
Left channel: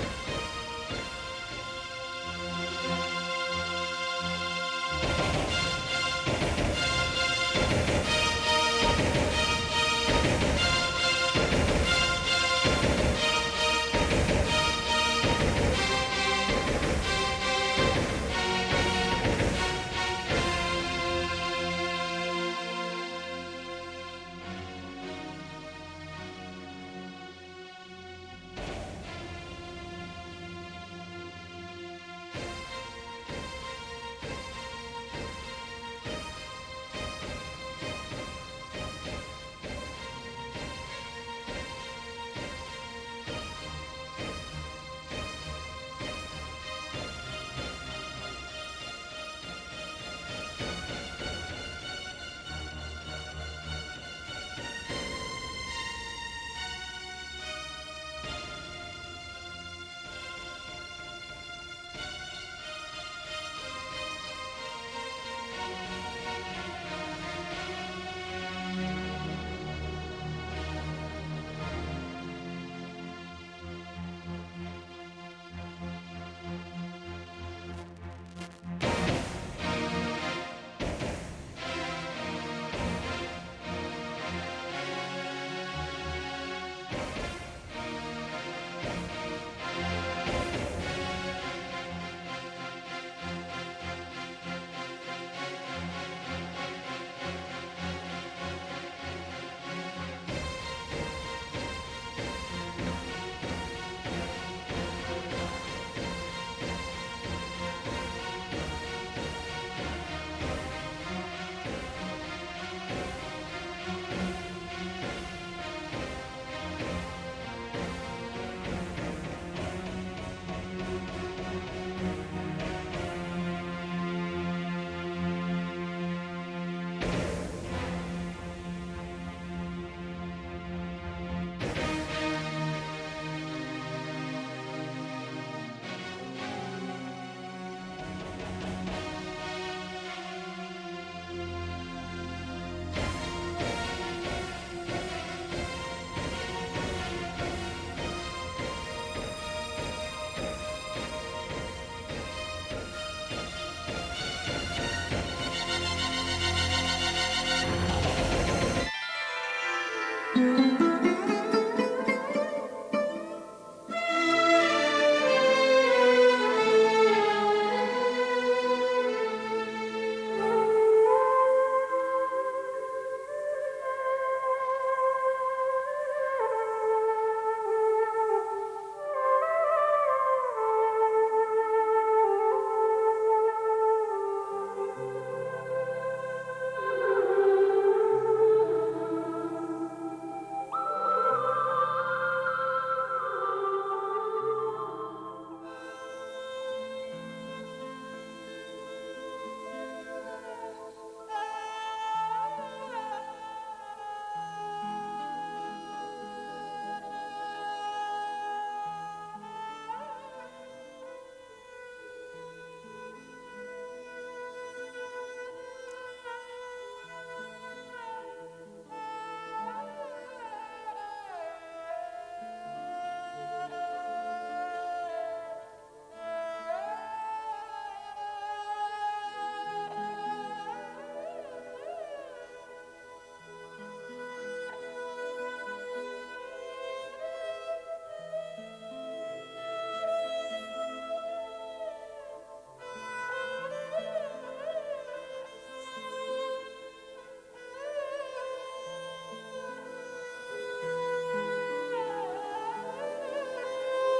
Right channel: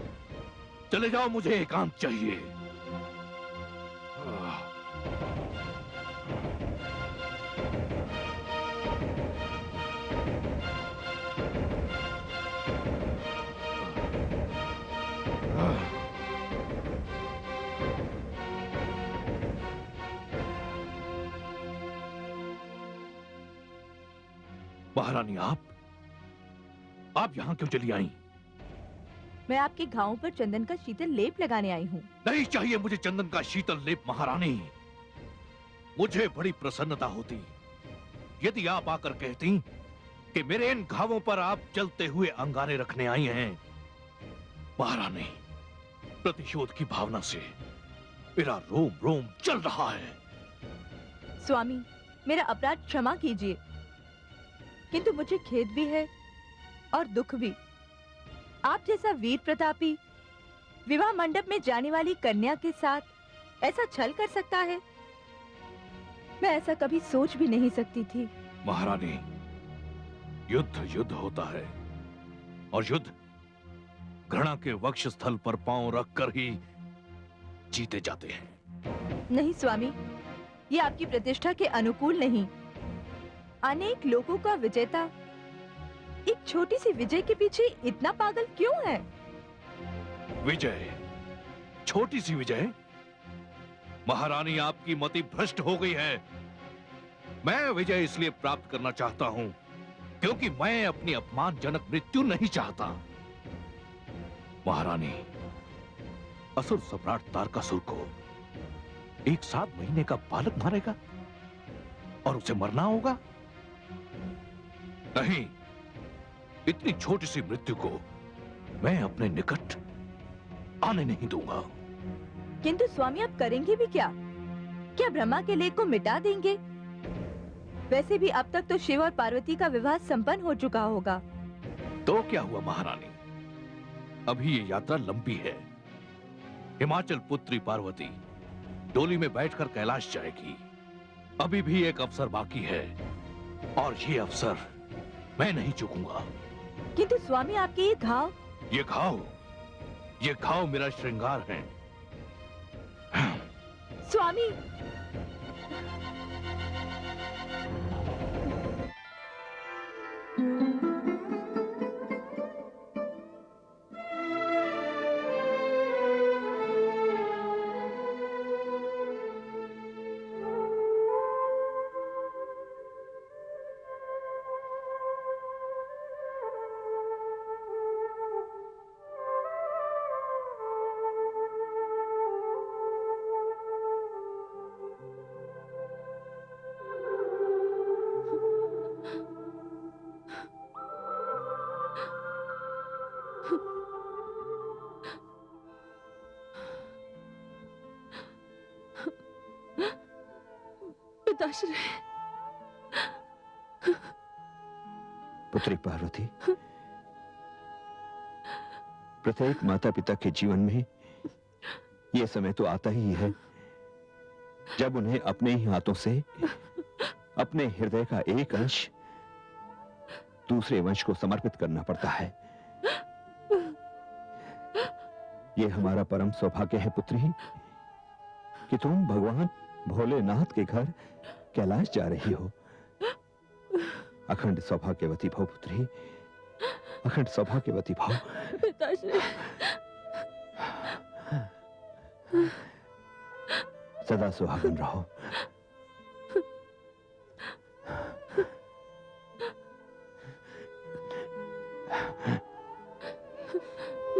चले जाओ, मुझे एकांत चाहिए। महारानी, आप यहाँ क्यों चली आई? मैं आपके घावों पर चंदन का शीतल लेप लगाने आई हूँ। नहीं चाहिए मुझे चंदन का शीतल लेप महारानी। मुझे बड़ी प्रसन्नता होती यदि आप आकर कहती कि मेरे इन घावों पर आप चलते हुए अंगारे रखने आई हैं। महारानी, प्रतिशोध की भावना से मेरा रोम रोम चल रहा है। स्वामी, मेरा अपराध क्षमा कीजिए, किंतु मुझे खेद भी है और दुख भी। आप जैसा वीर प्रतापी विवाह मंडप में जाने वाली कन्या के साथ ऐसा छल कर सकता है, मैं ऐसा कभी सोच भी नहीं सकती थी। महारानी, युद्ध युद्ध होता है और युद्ध घृणा के वक्षस्थल पर पांव रखकर ही जीते जाते हैं। नहीं स्वामी, ये आपकी प्रतिष्ठा के अनुकूल नहीं। अनेक लोगों का विजेता एक छोटी सी विजय के पीछे इतना पागल क्यों है? विजय? छोटी सी विजय? महारानी, आपकी मति भ्रष्ट हो गई है। मैं विजय इसलिए प्राप्त करना चाहता हूं क्योंकि मैं अपनी अपमानजनक मृत्यु नहीं चाहता। महारानी, असुर सम्राट तारकासुर को एक 7 महीने का बालक मारेगा और उसे मरना होगा? नहीं, इतनी छोटी सी मृत्यु को मैं अपने निकट आने नहीं दूंगा। किंतु स्वामी, आप करेंगे भी क्या? क्या ब्रह्मा के लेख को मिटा देंगे? वैसे भी अब तक तो शिव और पार्वती का विवाह संपन्न हो चुका होगा। तो क्या हुआ महारानी, अभी ये यात्रा लंबी है। हिमाचल पुत्री पार्वती डोली में बैठकर कैलाश जाएगी। अभी भी एक अवसर बाकी है और ये अवसर मैं नहीं चूकूंगा। किंतु स्वामी, आपके ये घाव? ये घाव मेरा श्रृंगार है। स्वामी, माताश्री, पुत्री पार्वती, प्रत्येक माता पिता के जीवन में यह समय तो आता ही है जब उन्हें अपने ही हाथों से अपने हृदय का एक अंश दूसरे वंश को समर्पित करना पड़ता है। यह हमारा परम सौभाग्य है पुत्री कि तुम भगवान भोलेनाथ के घर कैलाश जा रही हो। अखंड सौभाग्यवती भव पुत्री, अखंड सौभाग्यवती भव। पिताश्री, सदा सुहागन रहो।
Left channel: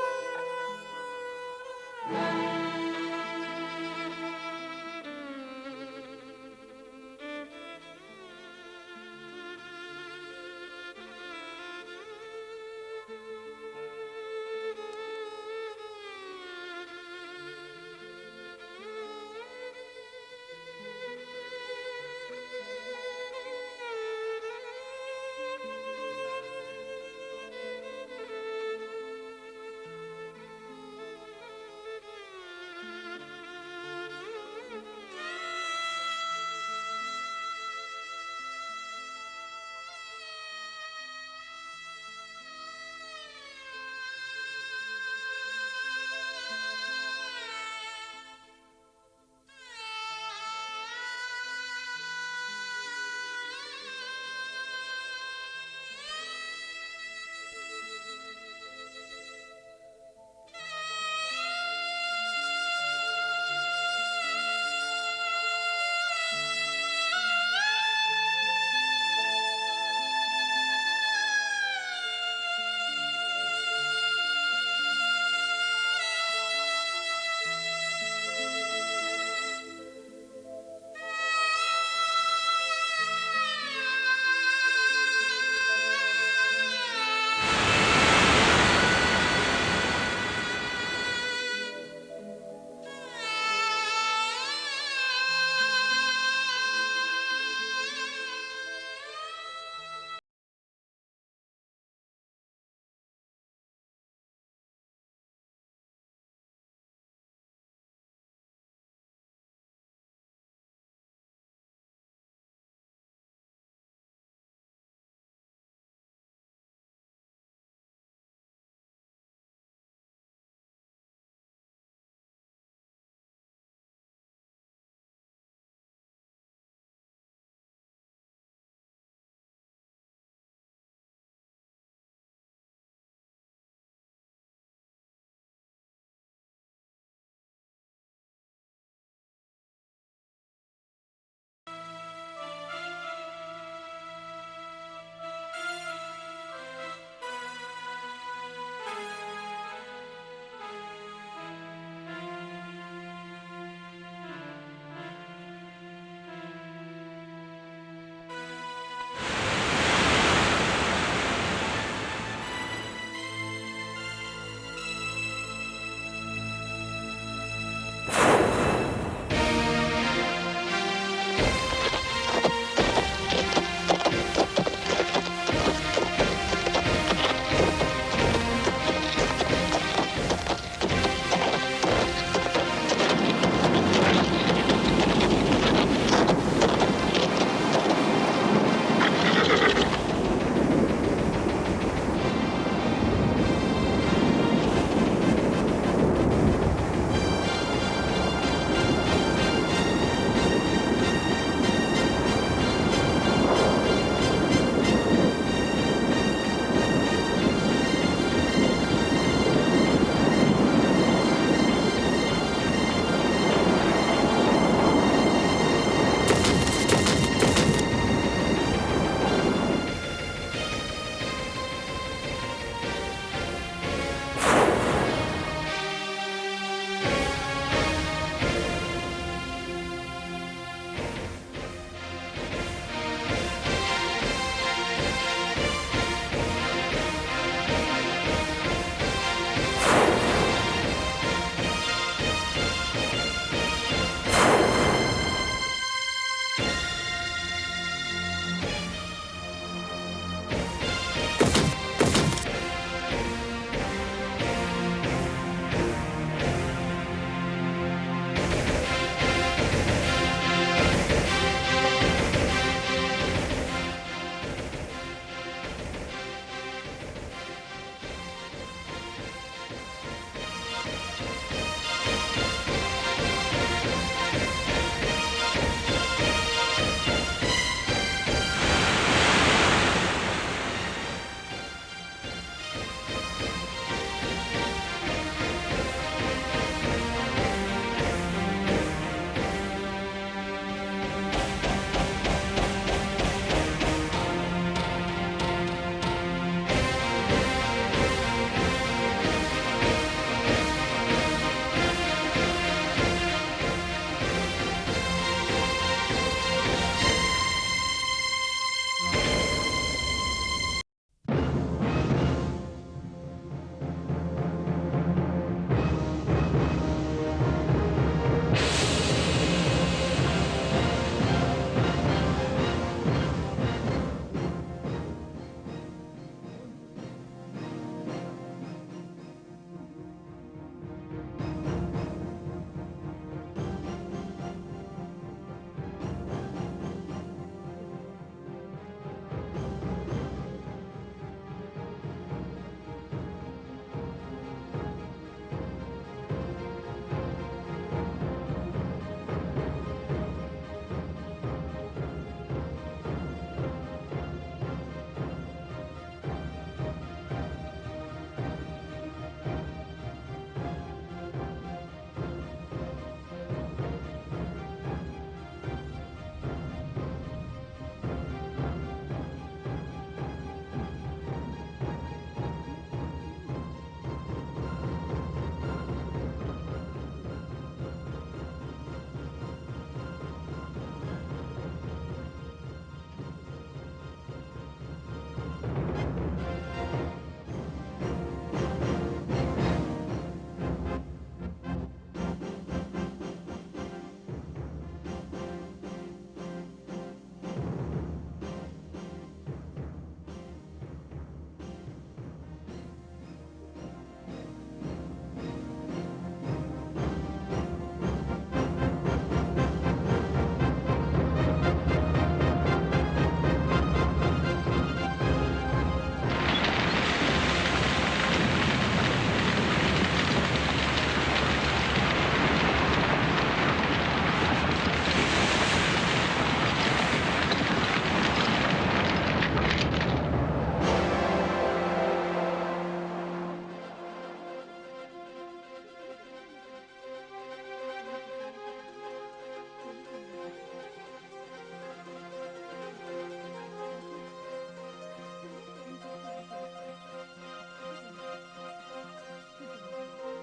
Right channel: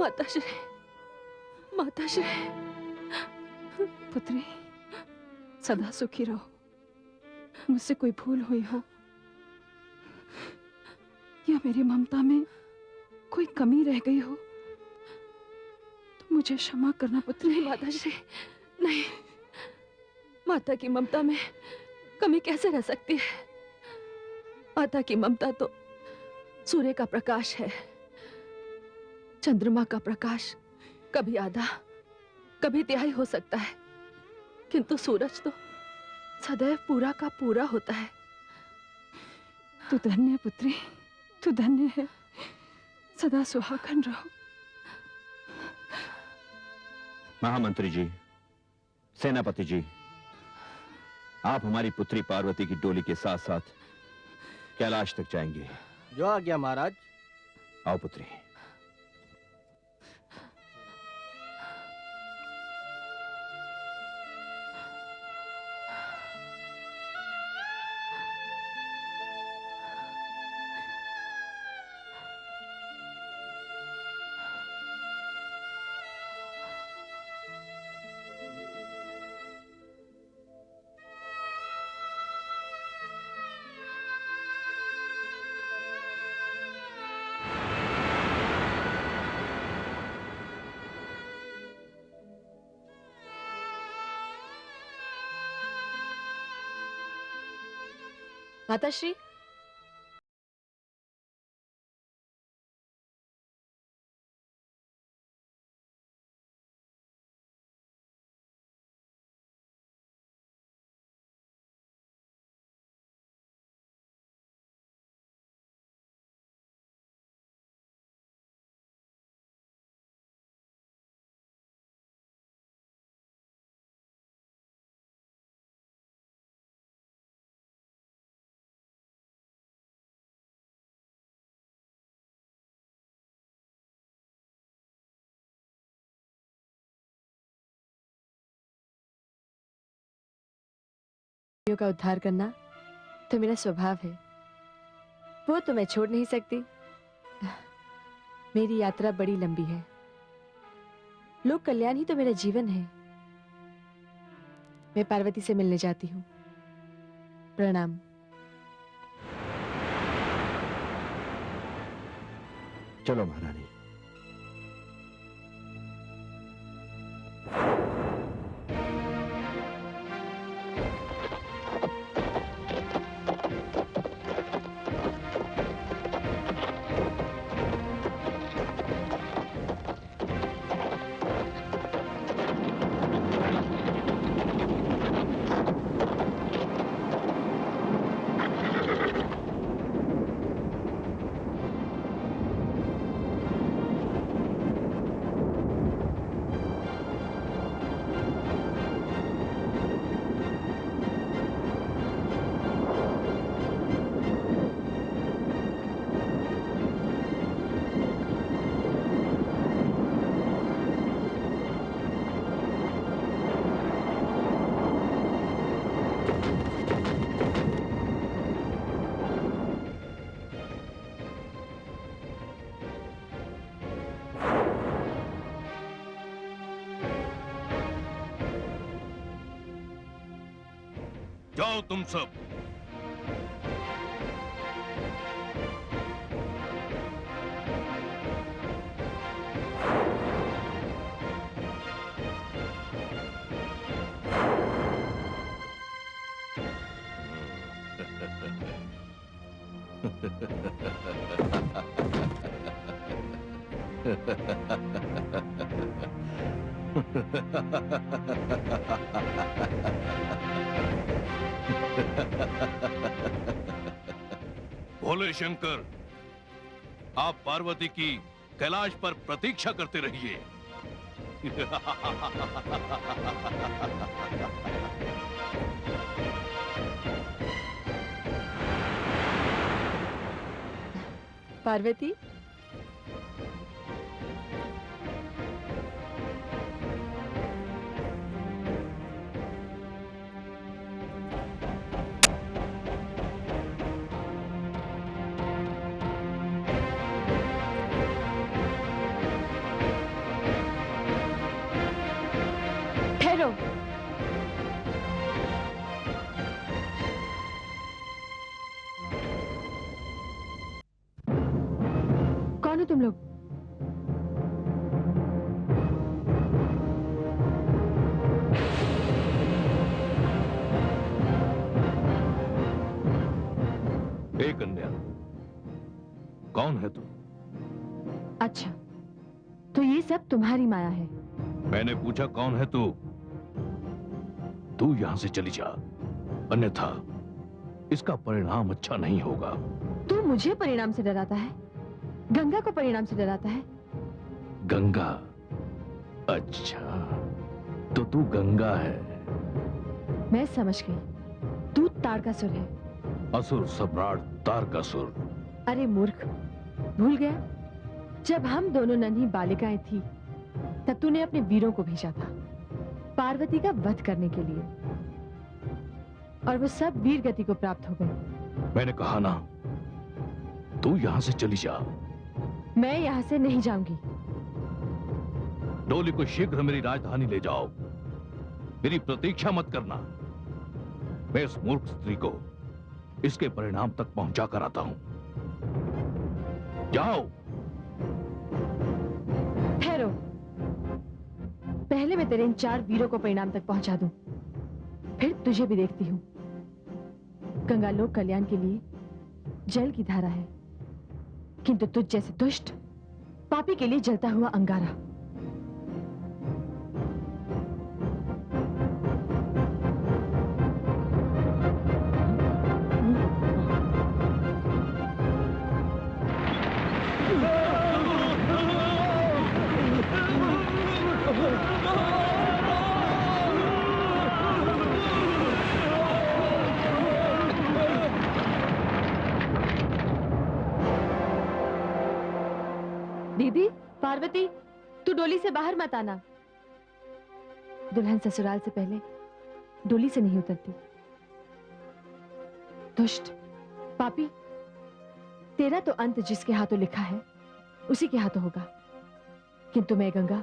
माताश्री, माताश्री, पुत्री, सदा सुखी रहो। मुझसे कोई भूल हुई हो या मेरी ममता में कोई कमी रह गई हो तो मुझे क्षमा करना पुत्री। नहीं माताश्री, नहीं। माता की ममता में कमी कैसे रह सकती है? माता की ममता तो सूर्य का प्रकाश है, चंद्रमा का प्रकाश कभी आधा कभी तिहाई हो सकता है, किंतु सूरज तो सदैव पूरा का पूरा होता है। तू धन्य है पुत्री, तू धन्य है। सदा सुहागन रहो। महामंत्री जी, सेनापति जी, आप हमारी पुत्री पार्वती की डोली के साथ साथ कैलाश तक जाएंगे। जो आज्ञा महाराज। आओ पुत्री। माताश्री, का उद्धार करना तो मेरा स्वभाव है, वो तो मैं छोड़ नहीं सकती। मेरी यात्रा बड़ी लंबी है, लोक कल्याण ही तो मेरा जीवन है। मैं पार्वती से मिलने जाती हूँ। प्रणाम। चलो महाराज। जाओ तुम सब। भोले शंकर, आप पार्वती की कैलाश पर प्रतीक्षा करते रहिए। पार्वती, ठहरो। कौन हो तुम लोग? ए कन्या, कौन है तू? अच्छा, तो ये सब तुम्हारी माया है। मैंने पूछा कौन है तू? तू यहां से चली जा, अन्यथा इसका परिणाम अच्छा नहीं होगा। तू मुझे परिणाम से डराता है, गंगा को परिणाम से डराता है। गंगा? अच्छा, तो तू गंगा है। मैं समझ गई, तू तारकासुर है। असुर सम्राट तारकासुर। अरे मूर्ख, भूल गया? जब हम दोनों नन्ही बालिकाएं थी, तब तूने अपने वीरों को भेजा था पार्वती का वध करने के लिए, और वो सब वीर गति को प्राप्त हो गए। मैंने कहा ना, तू यहां से चली जा। मैं यहाँ से नहीं जाऊंगी। डोली को शीघ्र मेरी राजधानी ले जाओ। मेरी प्रतीक्षा मत करना। मैं इस मूर्ख स्त्री को इसके परिणाम तक पहुंचा कर आता हूं। जाओ। ठहरो, पहले मैं तेरे इन 4 वीरों को परिणाम तक पहुंचा दूं, फिर तुझे भी देखती हूँ। गंगा लोक कल्याण के लिए जल की धारा है, किंतु तुझ जैसे दुष्ट पापी के लिए जलता हुआ अंगारा। दीदी, पार्वती, तू डोली से बाहर मत आना। दुल्हन ससुराल से पहले डोली से नहीं उतरती। दुष्ट, पापी, तेरा तो अंत जिसके हाथों लिखा है उसी के हाथों होगा। किंतु मैं गंगा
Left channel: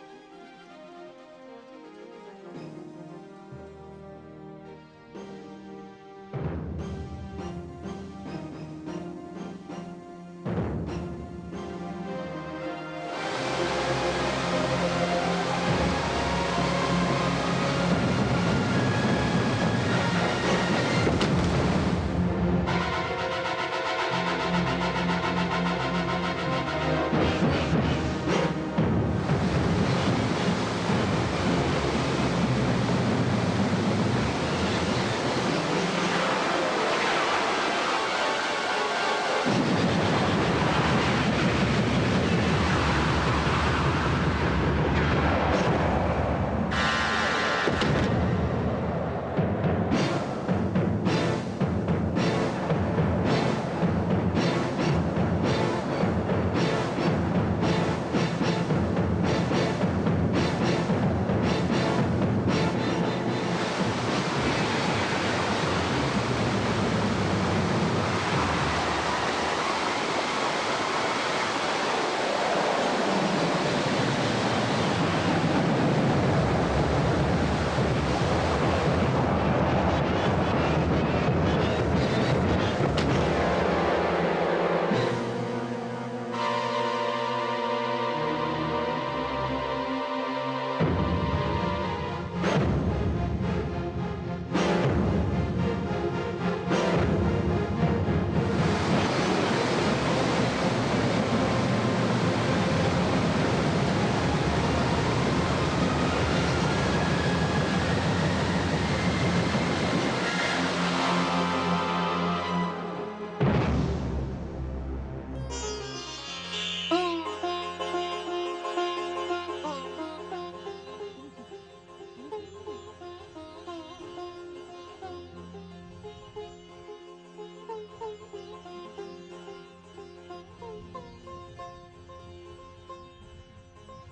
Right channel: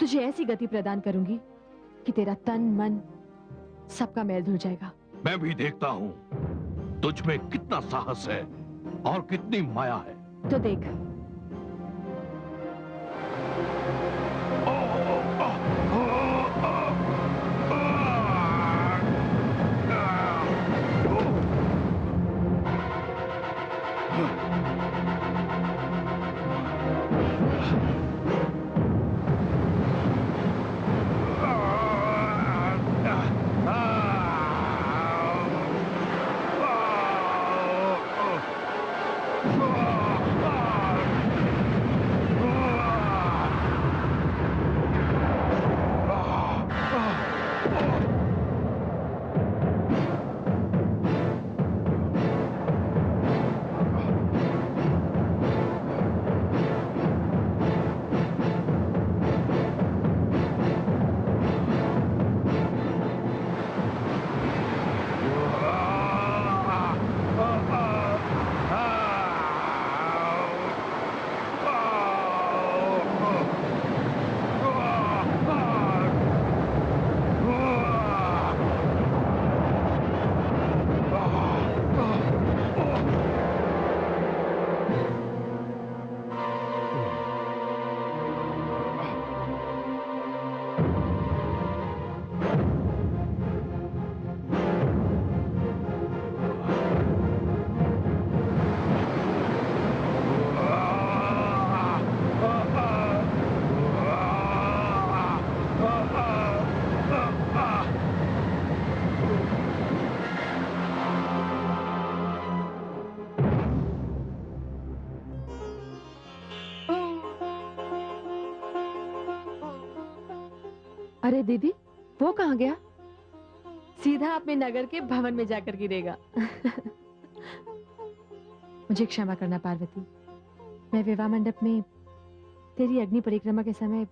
तुझे ऐसी गति प्रदान करूंगी कि तेरा तन मन सबका मैल धुल जाएगा। मैं भी देखता हूं तुझ में कितना साहस है और कितनी माया है। तो देख। अरे दीदी, वो कहाँ गया? सीधा अपने नगर के भवन में जाकर गिरेगा। मुझे क्षमा करना पार्वती, मैं विवाह मंडप में तेरी अग्नि परिक्रमा के समय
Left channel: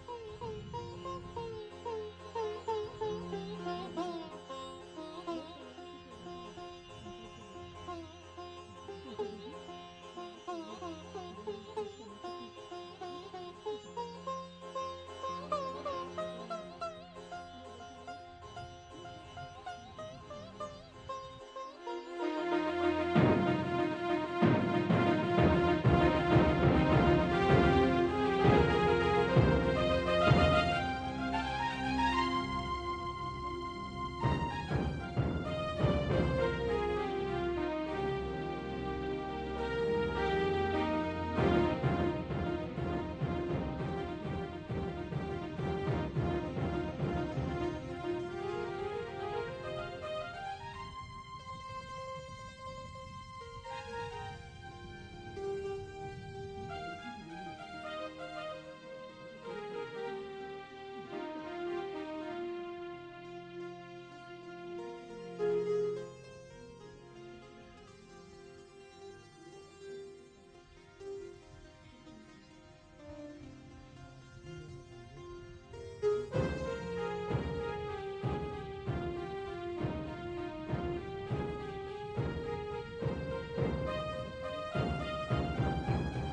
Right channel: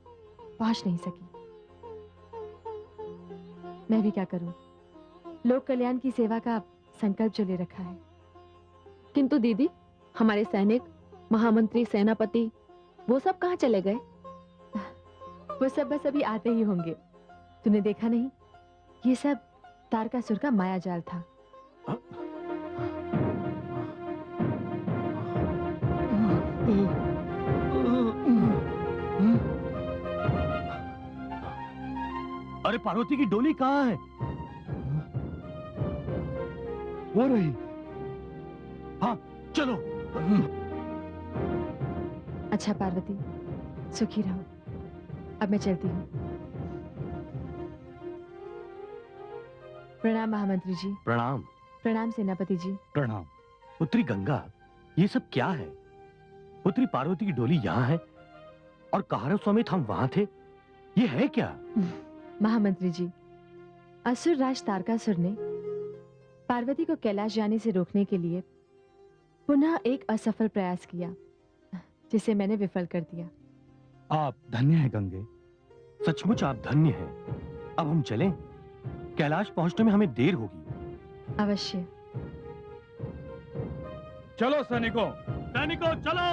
पहुंच नहीं सकी। मैं भी क्या करूं, लोक कल्याण की सेवा का संकल्प जो ले रखा है। किंतु दीदी, हमारे सैनिक, महामंत्री, सेनापति, वो सब कहाँ चले गए? वो सब बस अभी आते ही होंगे। तूने देखा नहीं, ये सब तारकासुर का माया जाल था। अरे पार्वती की डोली कहाँ है? वो रही। हाँ चलो। अच्छा पार्वती, सुखी रहो। अब मैं चलती हूँ। प्रणाम महामंत्री जी। प्रणाम। प्रणाम सेनापति जी। प्रणाम। पुत्री गंगा, ये सब क्या है? पुत्री पार्वती की डोली यहाँ है और कहारव समेत हम वहां थे। ये है क्या? महामंत्री जी, असुर राज तारकासुर ने पार्वती को कैलाश जाने से रोकने के लिए पुनः एक असफल प्रयास किया, जिसे मैंने विफल कर दिया। आप धन्य हैं गंगे, सचमुच आप धन्य हैं। अब हम चलें? कैलाश पहुंचने में हमें देर होगी। अवश्य। चलो सैनिकों, सैनिकों चलो।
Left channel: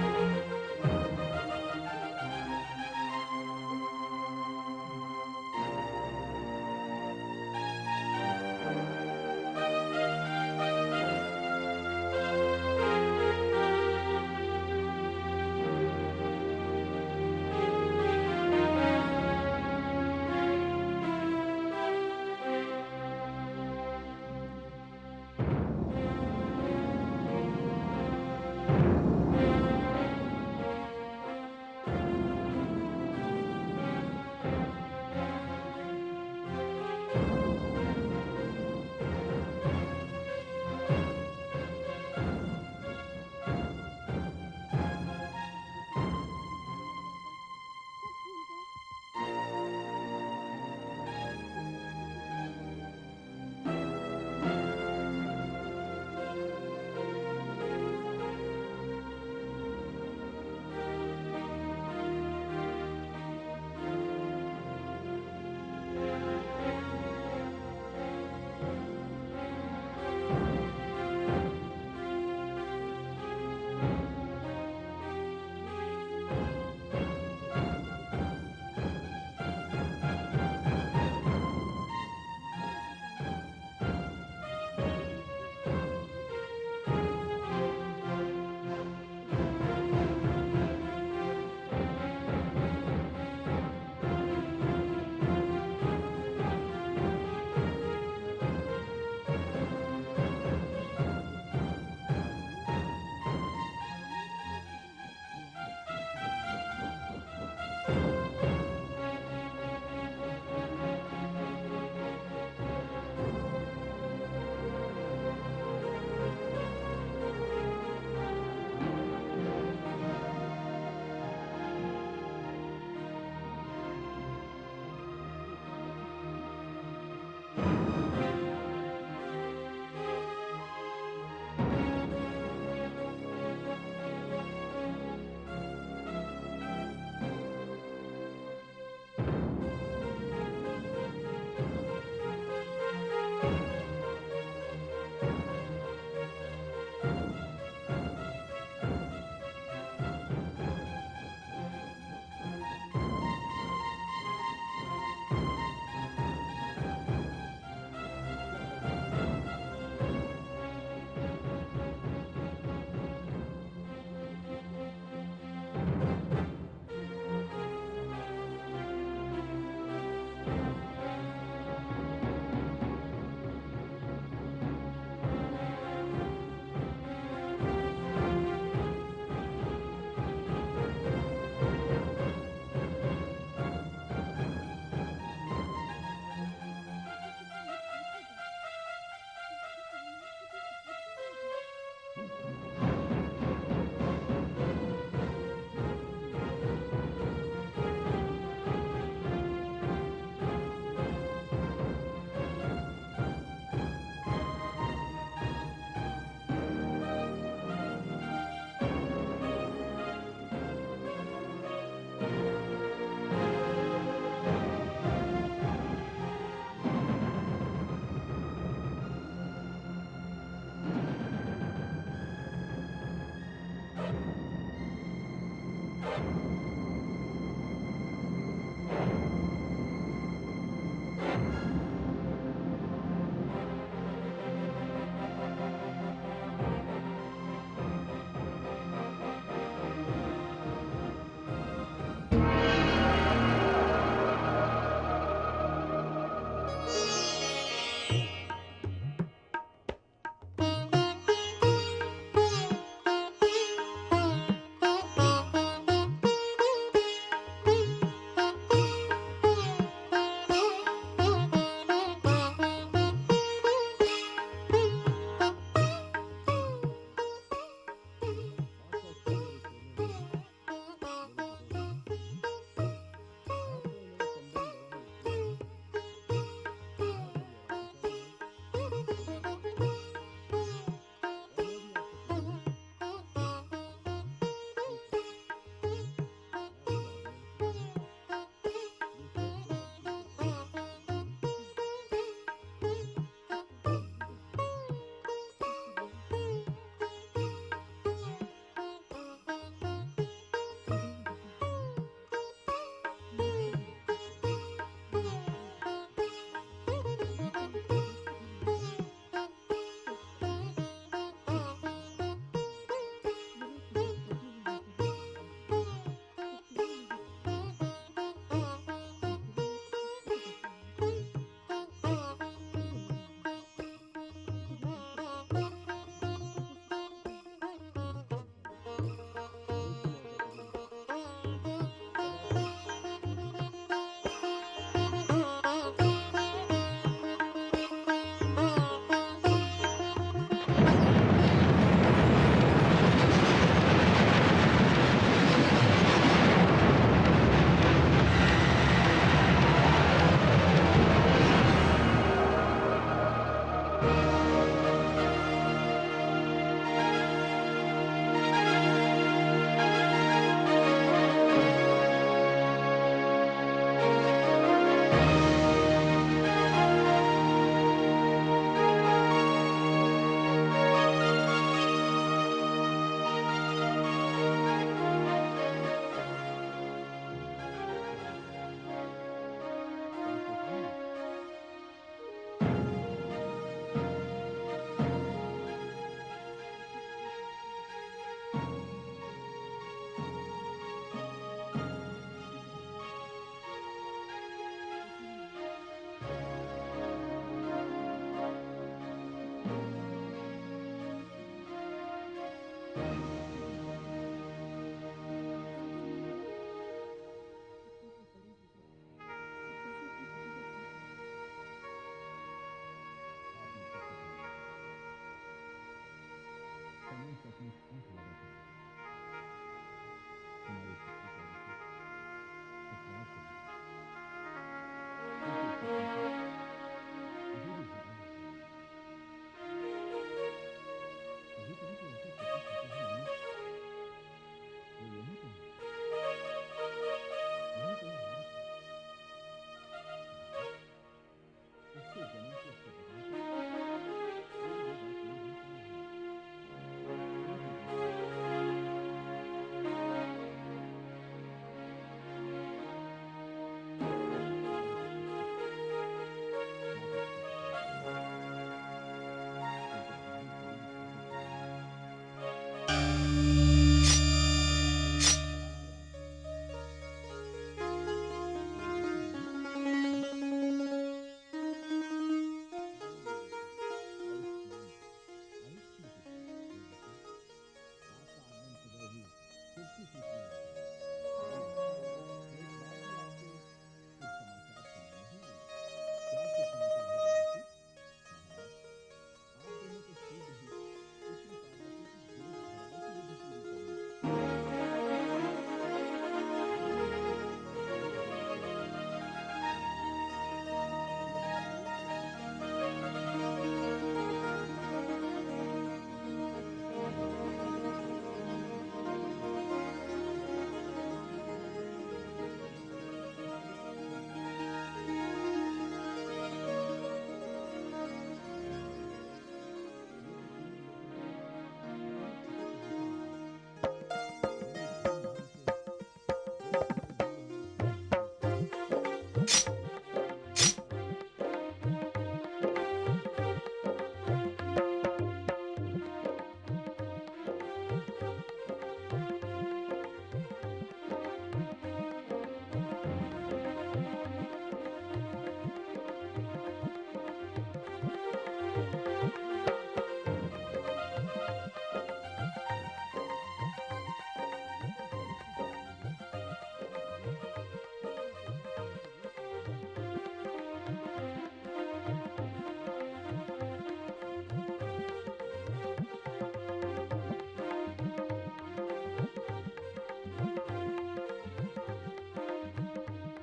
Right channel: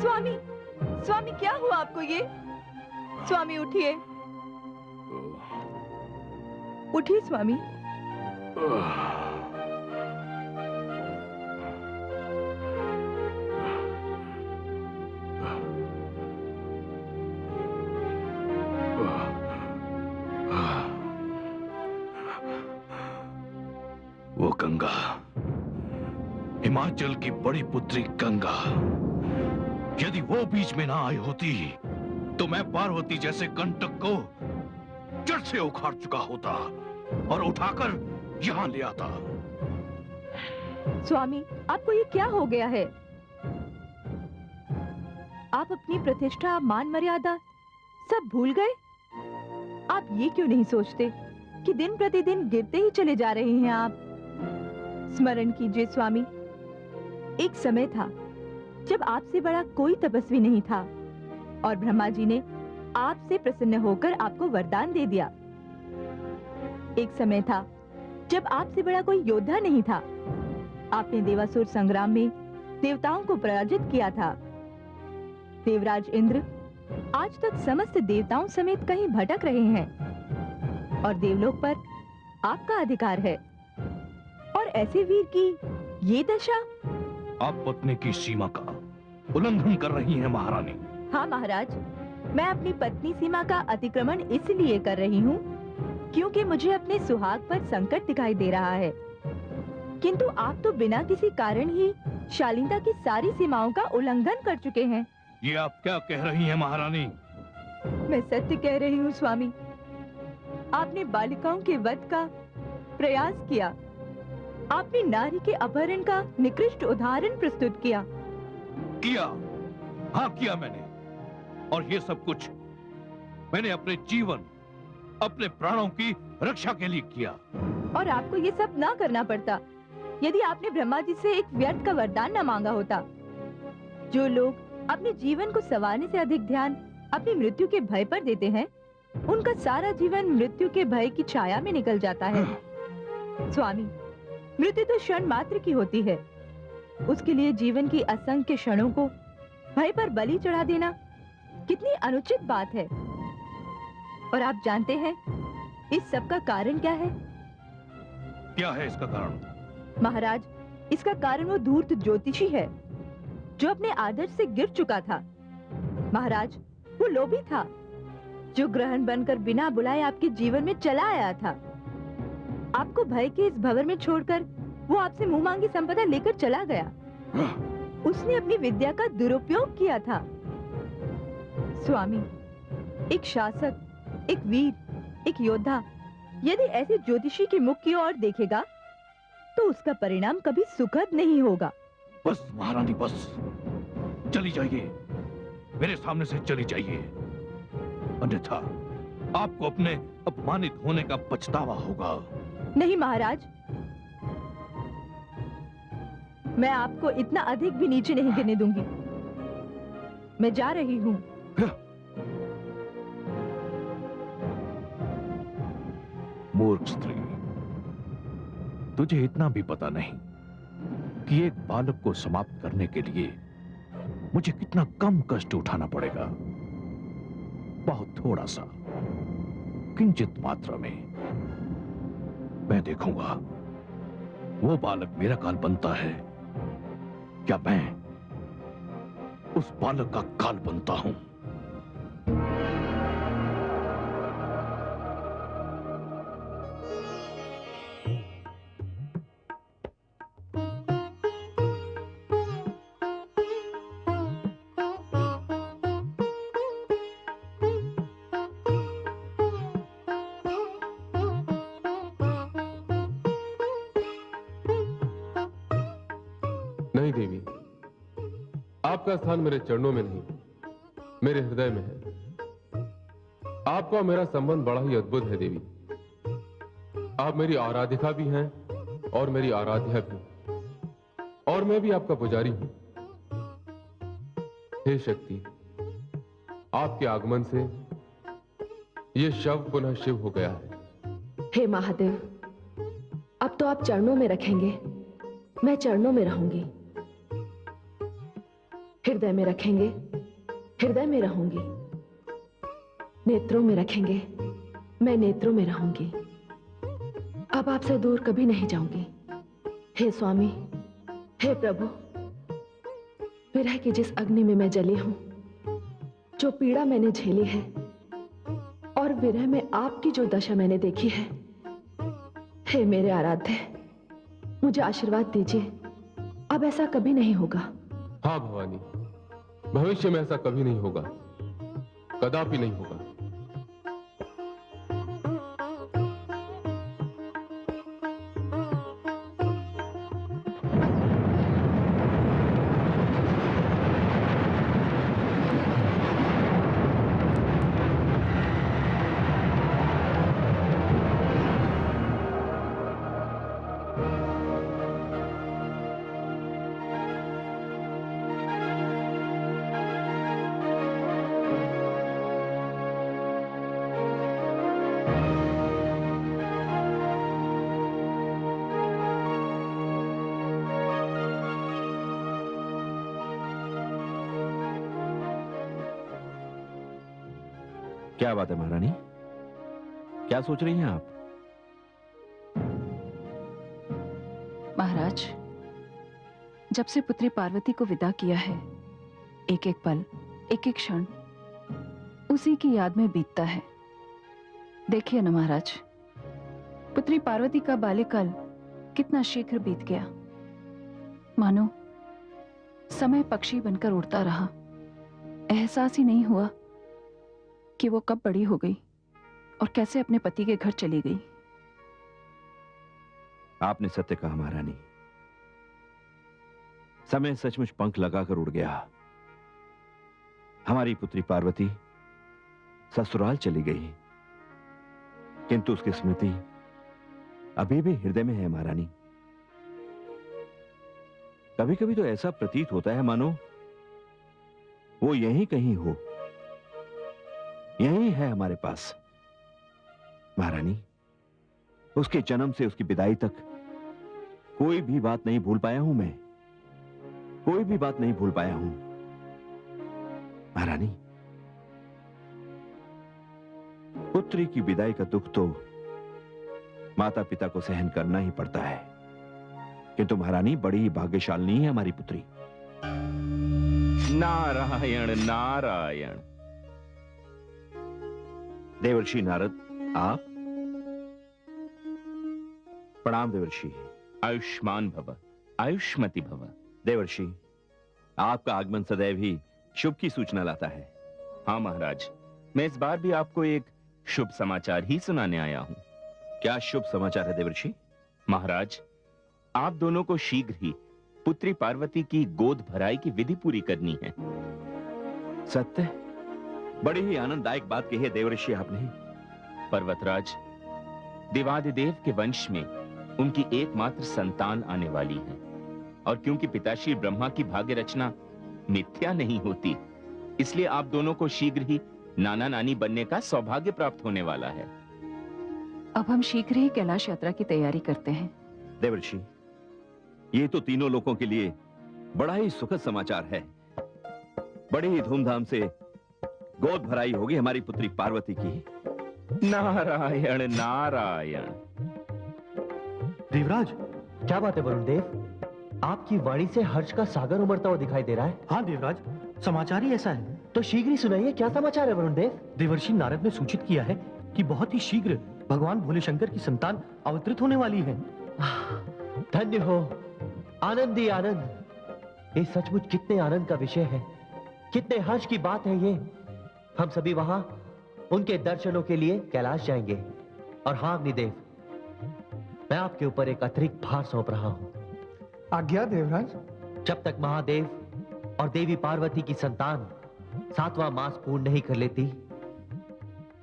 स्वामी, स्वामी क्या हुआ आपको ये? स्वामी उठिए, उठिए स्वामी। वो गंगा, हिमाचल की बड़ी पुत्री गंगा, यदि वो बीच में ना आई होती तो मैं पार्वती जैसे कंटक को जड़ से उखाड़ चुका होता और उठाकर यहाँ ले आता। स्वामी, आपको ये क्या हो गया है? आप अपनी प्रतिष्ठा, मान मर्यादा सब भूल गए? आप ये क्यों नहीं सोचते कि दिन प्रतिदिन गिरते ही चले जा रहे हैं आप? स्मरण कीजिए स्वामी, एक समय था जब आपसे बड़ा कोई तपस्वी नहीं था और ब्रह्मा जी ने आपसे प्रसन्न होकर आपको वरदान दे दिया। एक समय था जब आपसे बड़ा कोई योद्धा नहीं था। आपने देवासुर संग्राम में देवताओं को पराजित किया था। देवराज इंद्र आज तक समस्त देवताओं समेत कहीं भटक रहे हैं और देवलोक पर आपका अधिकार है। और ऐसे वीर की ये दशा। आप पत्नी की सीमा का उल्लंघन कर रही हैं महारानी। हाँ महाराज, मैं अपनी पत्नी सीमा का अतिक्रमण इसलिए कर रही हूँ क्योंकि मुझे अपने सुहाग पर संकट दिखाई दे रहा है। किंतु आप तो बिना किसी कारण ही शालीनता की सारी सीमाओं का उल्लंघन कर चुके हैं। ये आप क्या कह रही हैं महारानी? मैं सत्य कह रही हूँ स्वामी। आपने बालिकाओं के वध का प्रयास किया। आपने नारी के अपहरण का निकृष्ट उदाहरण प्रस्तुत किया। हाँ किया मैंने, और ये सब कुछ मैंने अपने जीवन, अपने प्राणों की रक्षा के लिए किया। और आपको ये सब ना करना पड़ता यदि आपने ब्रह्मा जी से एक व्यर्थ का वरदान न मांगा होता। जो लोग अपने जीवन को संवारने से अधिक ध्यान अपनी मृत्यु के भय पर देते हैं, उनका सारा जीवन मृत्यु के भय की छाया में निकल जाता है। स्वामी, मृत्यु तो क्षण मात्र की होती है। उसके लिए जीवन की असंख्य क्षणों को भय पर बलि चढ़ा देना कितनी अनुचित बात है। और आप जानते हैं इस सब का कारण क्या है? क्या है इसका कारण? महाराज, इसका कारण वो धूर्त ज्योतिषी है जो अपने आदर्श से गिर चुका था। महाराज, वो लोभी था जो ग्रहण बनकर बिना बुलाए आपके जीवन में चला आया था। आपको भय के इस भंवर में छोड़कर वो आपसे मुंह मांगी संपदा लेकर चला गया। उसने अपनी विद्या का दुरुपयोग किया था। स्वामी, एक शासक, एक वीर, एक योद्धा यदि ऐसे ज्योतिषी के मुख की ओर देखेगा तो उसका परिणाम कभी सुखद नहीं होगा। बस महारानी बस, चली जाइए, मेरे सामने से चली जाइए, अन्यथा आपको अपने अपमानित होने का पछतावा होगा। नहीं महाराज, मैं आपको इतना अधिक भी नीचे नहीं गिरने दूंगी। मैं जा रही हूँ। मूर्ख स्त्री, तुझे इतना भी पता नहीं कि एक बालक को समाप्त करने के लिए मुझे कितना कम कष्ट उठाना पड़ेगा। बहुत थोड़ा सा, किंचित मात्रा में। मैं देखूंगा वो बालक मेरा काल बनता है क्या मैं उस बालक का काल बनता हूं। नहीं देवी, आपका स्थान मेरे चरणों में नहीं, मेरे हृदय में है। आपका और मेरा संबंध बड़ा ही अद्भुत है देवी। आप मेरी आराधिका भी हैं और मेरी आराध्या भी, और मैं भी आपका पुजारी हूं। हे शक्ति, आपके आगमन से ये शव पुनः शिव हो गया है। हे महादेव, अब तो आप चरणों में रखेंगे, मैं चरणों में रहूंगी। हृदय में रखेंगे, हृदय में रहूंगी। नेत्रों में रखेंगे, मैं नेत्रों में रहूंगी। अब आपसे दूर कभी नहीं जाऊंगी। हे स्वामी, हे प्रभु, विरह की जिस अग्नि में मैं जली हूं, जो पीड़ा मैंने झेली है और विरह में आपकी जो दशा मैंने देखी है, हे मेरे आराध्य, मुझे आशीर्वाद दीजिए, अब ऐसा कभी नहीं होगा। हाँ भवानी, भविष्य में ऐसा कभी नहीं होगा, कदापि नहीं होगा। क्या बात है महारानी, क्या सोच रही हैं आप? महाराज, जब से पुत्री पार्वती को विदा किया है, एक एक पल, एक एक क्षण उसी की याद में बीतता है। देखिए ना महाराज, पुत्री पार्वती का बाल्यकाल कितना शीघ्र बीत गया। मानो समय पक्षी बनकर उड़ता रहा, एहसास ही नहीं हुआ कि वो कब बड़ी हो गई और कैसे अपने पति के घर चली गई। आपने सत्य कहा महारानी, समय सचमुच पंख लगाकर उड़ गया। हमारी पुत्री पार्वती ससुराल चली गई, किंतु उसकी स्मृति अभी भी हृदय में है महारानी। कभी कभी तो ऐसा प्रतीत होता है मानो वो यहीं कहीं हो, यहीं है हमारे पास। महारानी, उसके जन्म से उसकी विदाई तक कोई भी बात नहीं भूल पाया हूं मैं, कोई भी बात नहीं भूल पाया हूं महारानी। पुत्री की विदाई का दुख तो माता पिता को सहन करना ही पड़ता है, किंतु महारानी बड़ी ही भाग्यशालिनी है हमारी पुत्री। नारायण नारायण। देवर्षि नारद, आप? प्रणाम देवर्षि। आयुष्मान भव, आयुष्मति भव। देवर्षि, आपका आगमन सदैव ही शुभ की सूचना लाता है। हाँ महाराज, मैं इस बार भी आपको एक शुभ समाचार ही सुनाने आया हूँ। क्या शुभ समाचार है देवर्षि? महाराज, आप दोनों को शीघ्र ही पुत्री पार्वती की गोद भराई की विधि पूरी करनी है। सत्य? बड़ी ही आनंददायक बात कही है देवर्षि आपने। पर्वतराज, देवादिदेव के वंश में उनकी एकमात्र संतान आने वाली है, और क्योंकि पिताश्री ब्रह्मा की भाग्य रचना मिथ्या नहीं होती, इसलिए आप दोनों को शीघ्र ही नाना नानी बनने का सौभाग्य प्राप्त होने वाला है। अब हम शीघ्र ही कैलाश यात्रा की तैयारी करते हैं। देवर्षि, ये तो तीनों लोगों के लिए बड़ा ही सुखद समाचार है। बड़ी ही धूमधाम से गोद भराई होगी हमारी पुत्री पार्वती की। नारायण नारायण। देवराज, क्या बात है वरुण देव? आपकी वाणी से हर्ष का सागर उमड़ता हुआ दिखाई दे रहा है। हाँ देवराज, समाचार ही ऐसा है। तो शीघ्र ही सुनाइए, क्या समाचार है वरुण देव? देवर्षि नारद ने सूचित किया है कि बहुत ही शीघ्र भगवान भोले शंकर की संतान अवतरित होने वाली है। धन्य हो, आनंद ही आनंद। ये सचमुच कितने आनंद का विषय है, कितने हर्ष की बात है ये। हम सभी वहां उनके दर्शनों के लिए कैलाश जाएंगे। और हाँ अग्निदेव, मैं आपके ऊपर एक अतिरिक्त भार सौंप रहा हूं। आज्ञा देवराज। जब तक महादेव और देवी पार्वती की संतान 7वां मास पूर्ण नहीं कर लेती,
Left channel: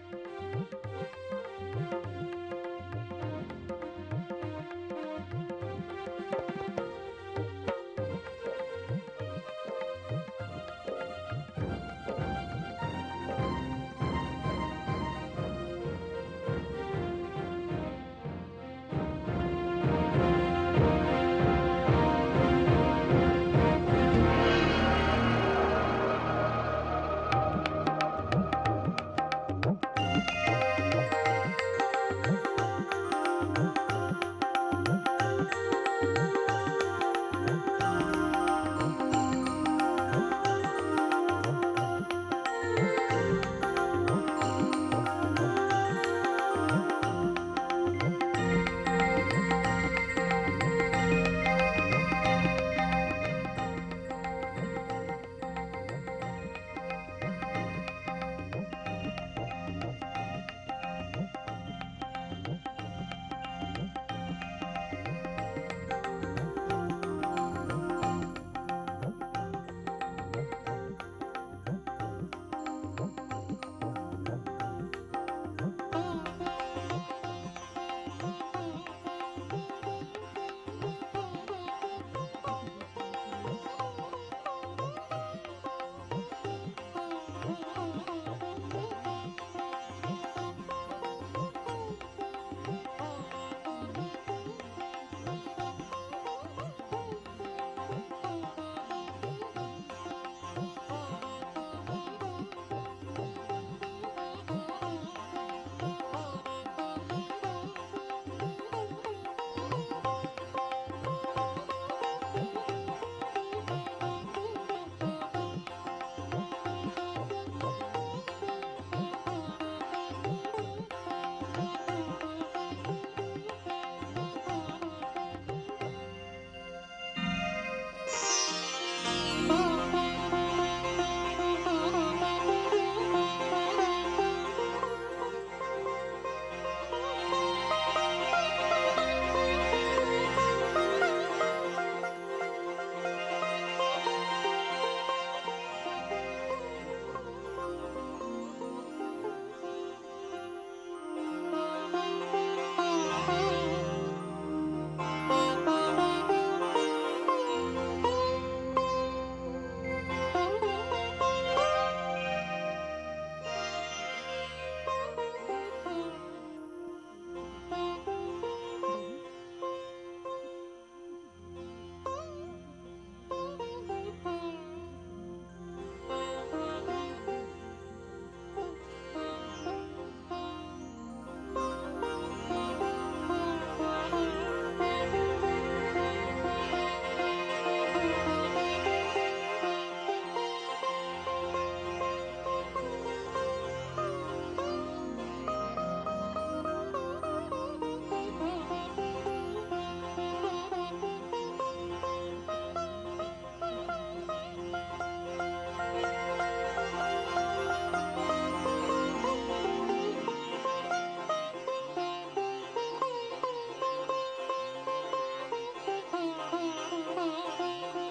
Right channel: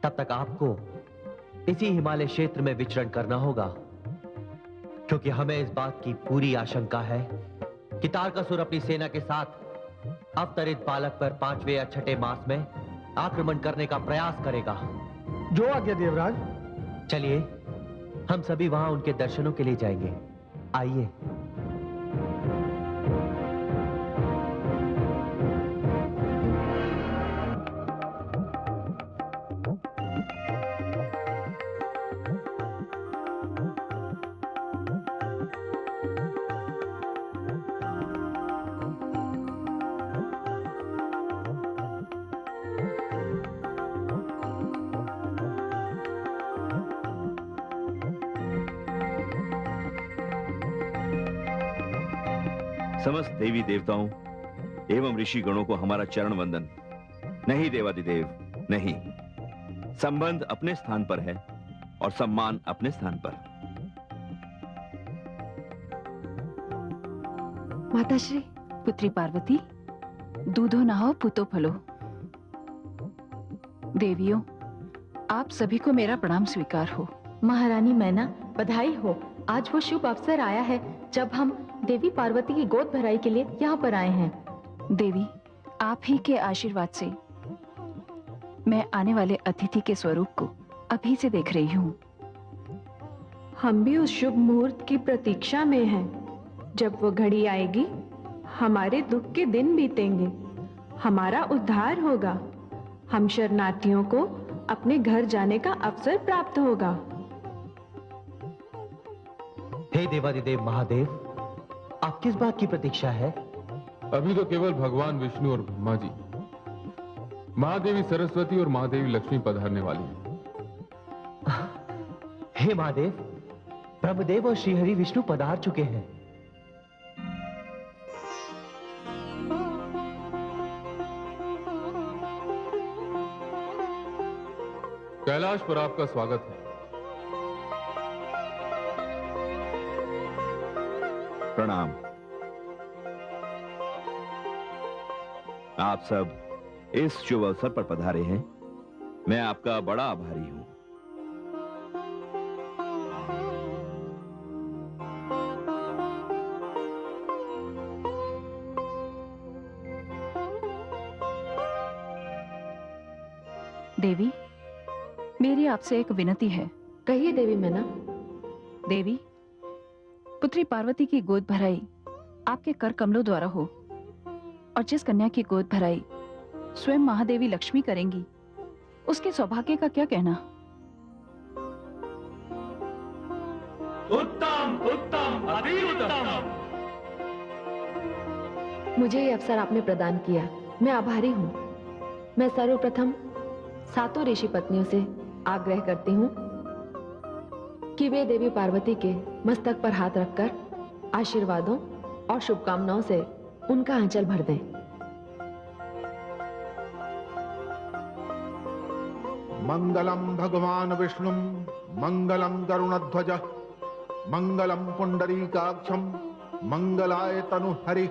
तब तक आपको इसी हिमालय क्षेत्र में विचरण करना होगा, क्योंकि हमें इस बात की पूरी आशंका है कि तारकासुर अपनी सेना के साथ अवतरित बालक पर 5वें या 6ठे मास में आक्रमण करने का प्रयास करेगा। जो आज्ञा देवराज। चलिए हम सभी वहां उनके दर्शनों के लिए जाएंगे। आइए। समस्त देवी देवताओं एवं ऋषि गणों को हमारा चरण वंदन। नहीं देवादिदेव, नहीं। संबंध अपने स्थान पर है और सम्मान अपने स्थान पर। माताश्री। पुत्री पार्वती, दूधो नहो पुतो फलो। देवियों, आप सभी को मेरा प्रणाम स्वीकार हो। महारानी मैना, बधाई हो। आज वो शुभ अवसर आया है जब हम देवी पार्वती की गोद भराई के लिए यहाँ पर आए हैं। देवी, आप ही के आशीर्वाद से मैं आने वाले अतिथि के स्वरूप को अभी से देख रही हूँ। हम भी उस शुभ मुहूर्त की प्रतीक्षा में हैं। जब वो घड़ी आएगी, हमारे दुख के दिन बीतेंगे, हमारा उद्धार होगा, हम शरणार्थियों को अपने घर जाने का अवसर प्राप्त होगा। हे देवादिदेव महादेव, आप किस बात की प्रतीक्षा है? अभी तो केवल भगवान विष्णु और ब्रह्मा जी, महादेवी सरस्वती और महादेवी लक्ष्मी पधारने वाली हैं। हे महादेव, ब्रह्मदेव और श्रीहरि विष्णु पधार चुके हैं। कैलाश पर आपका स्वागत है। प्रणाम। आप सब इस शुभ अवसर पर पधारे हैं, मैं आपका बड़ा आभारी हूं। देवी, मेरी आपसे एक विनती है। कहिए देवी मैना। देवी, पुत्री पार्वती की गोद भराई आपके कर कमलों द्वारा हो, और जिस कन्या की गोद भराई स्वयं महादेवी लक्ष्मी करेंगी, उसके सौभाग्य का क्या कहना? उत्तम, उत्तम, अति उत्तम। मुझे ये अवसर आपने प्रदान किया, मैं आभारी हूँ। मैं सर्वप्रथम 7 ऋषि पत्नियों से आग्रह करती हूँ कि वे देवी पार्वती के मस्तक पर हाथ रखकर आशीर्वादों और शुभकामनाओं से उनका आंचल भर दें। मंगलम भगवान विष्णु मंगलम गरुणध्वज मंगलम पुंडरीकाक्षम मंगलाय तनु हरि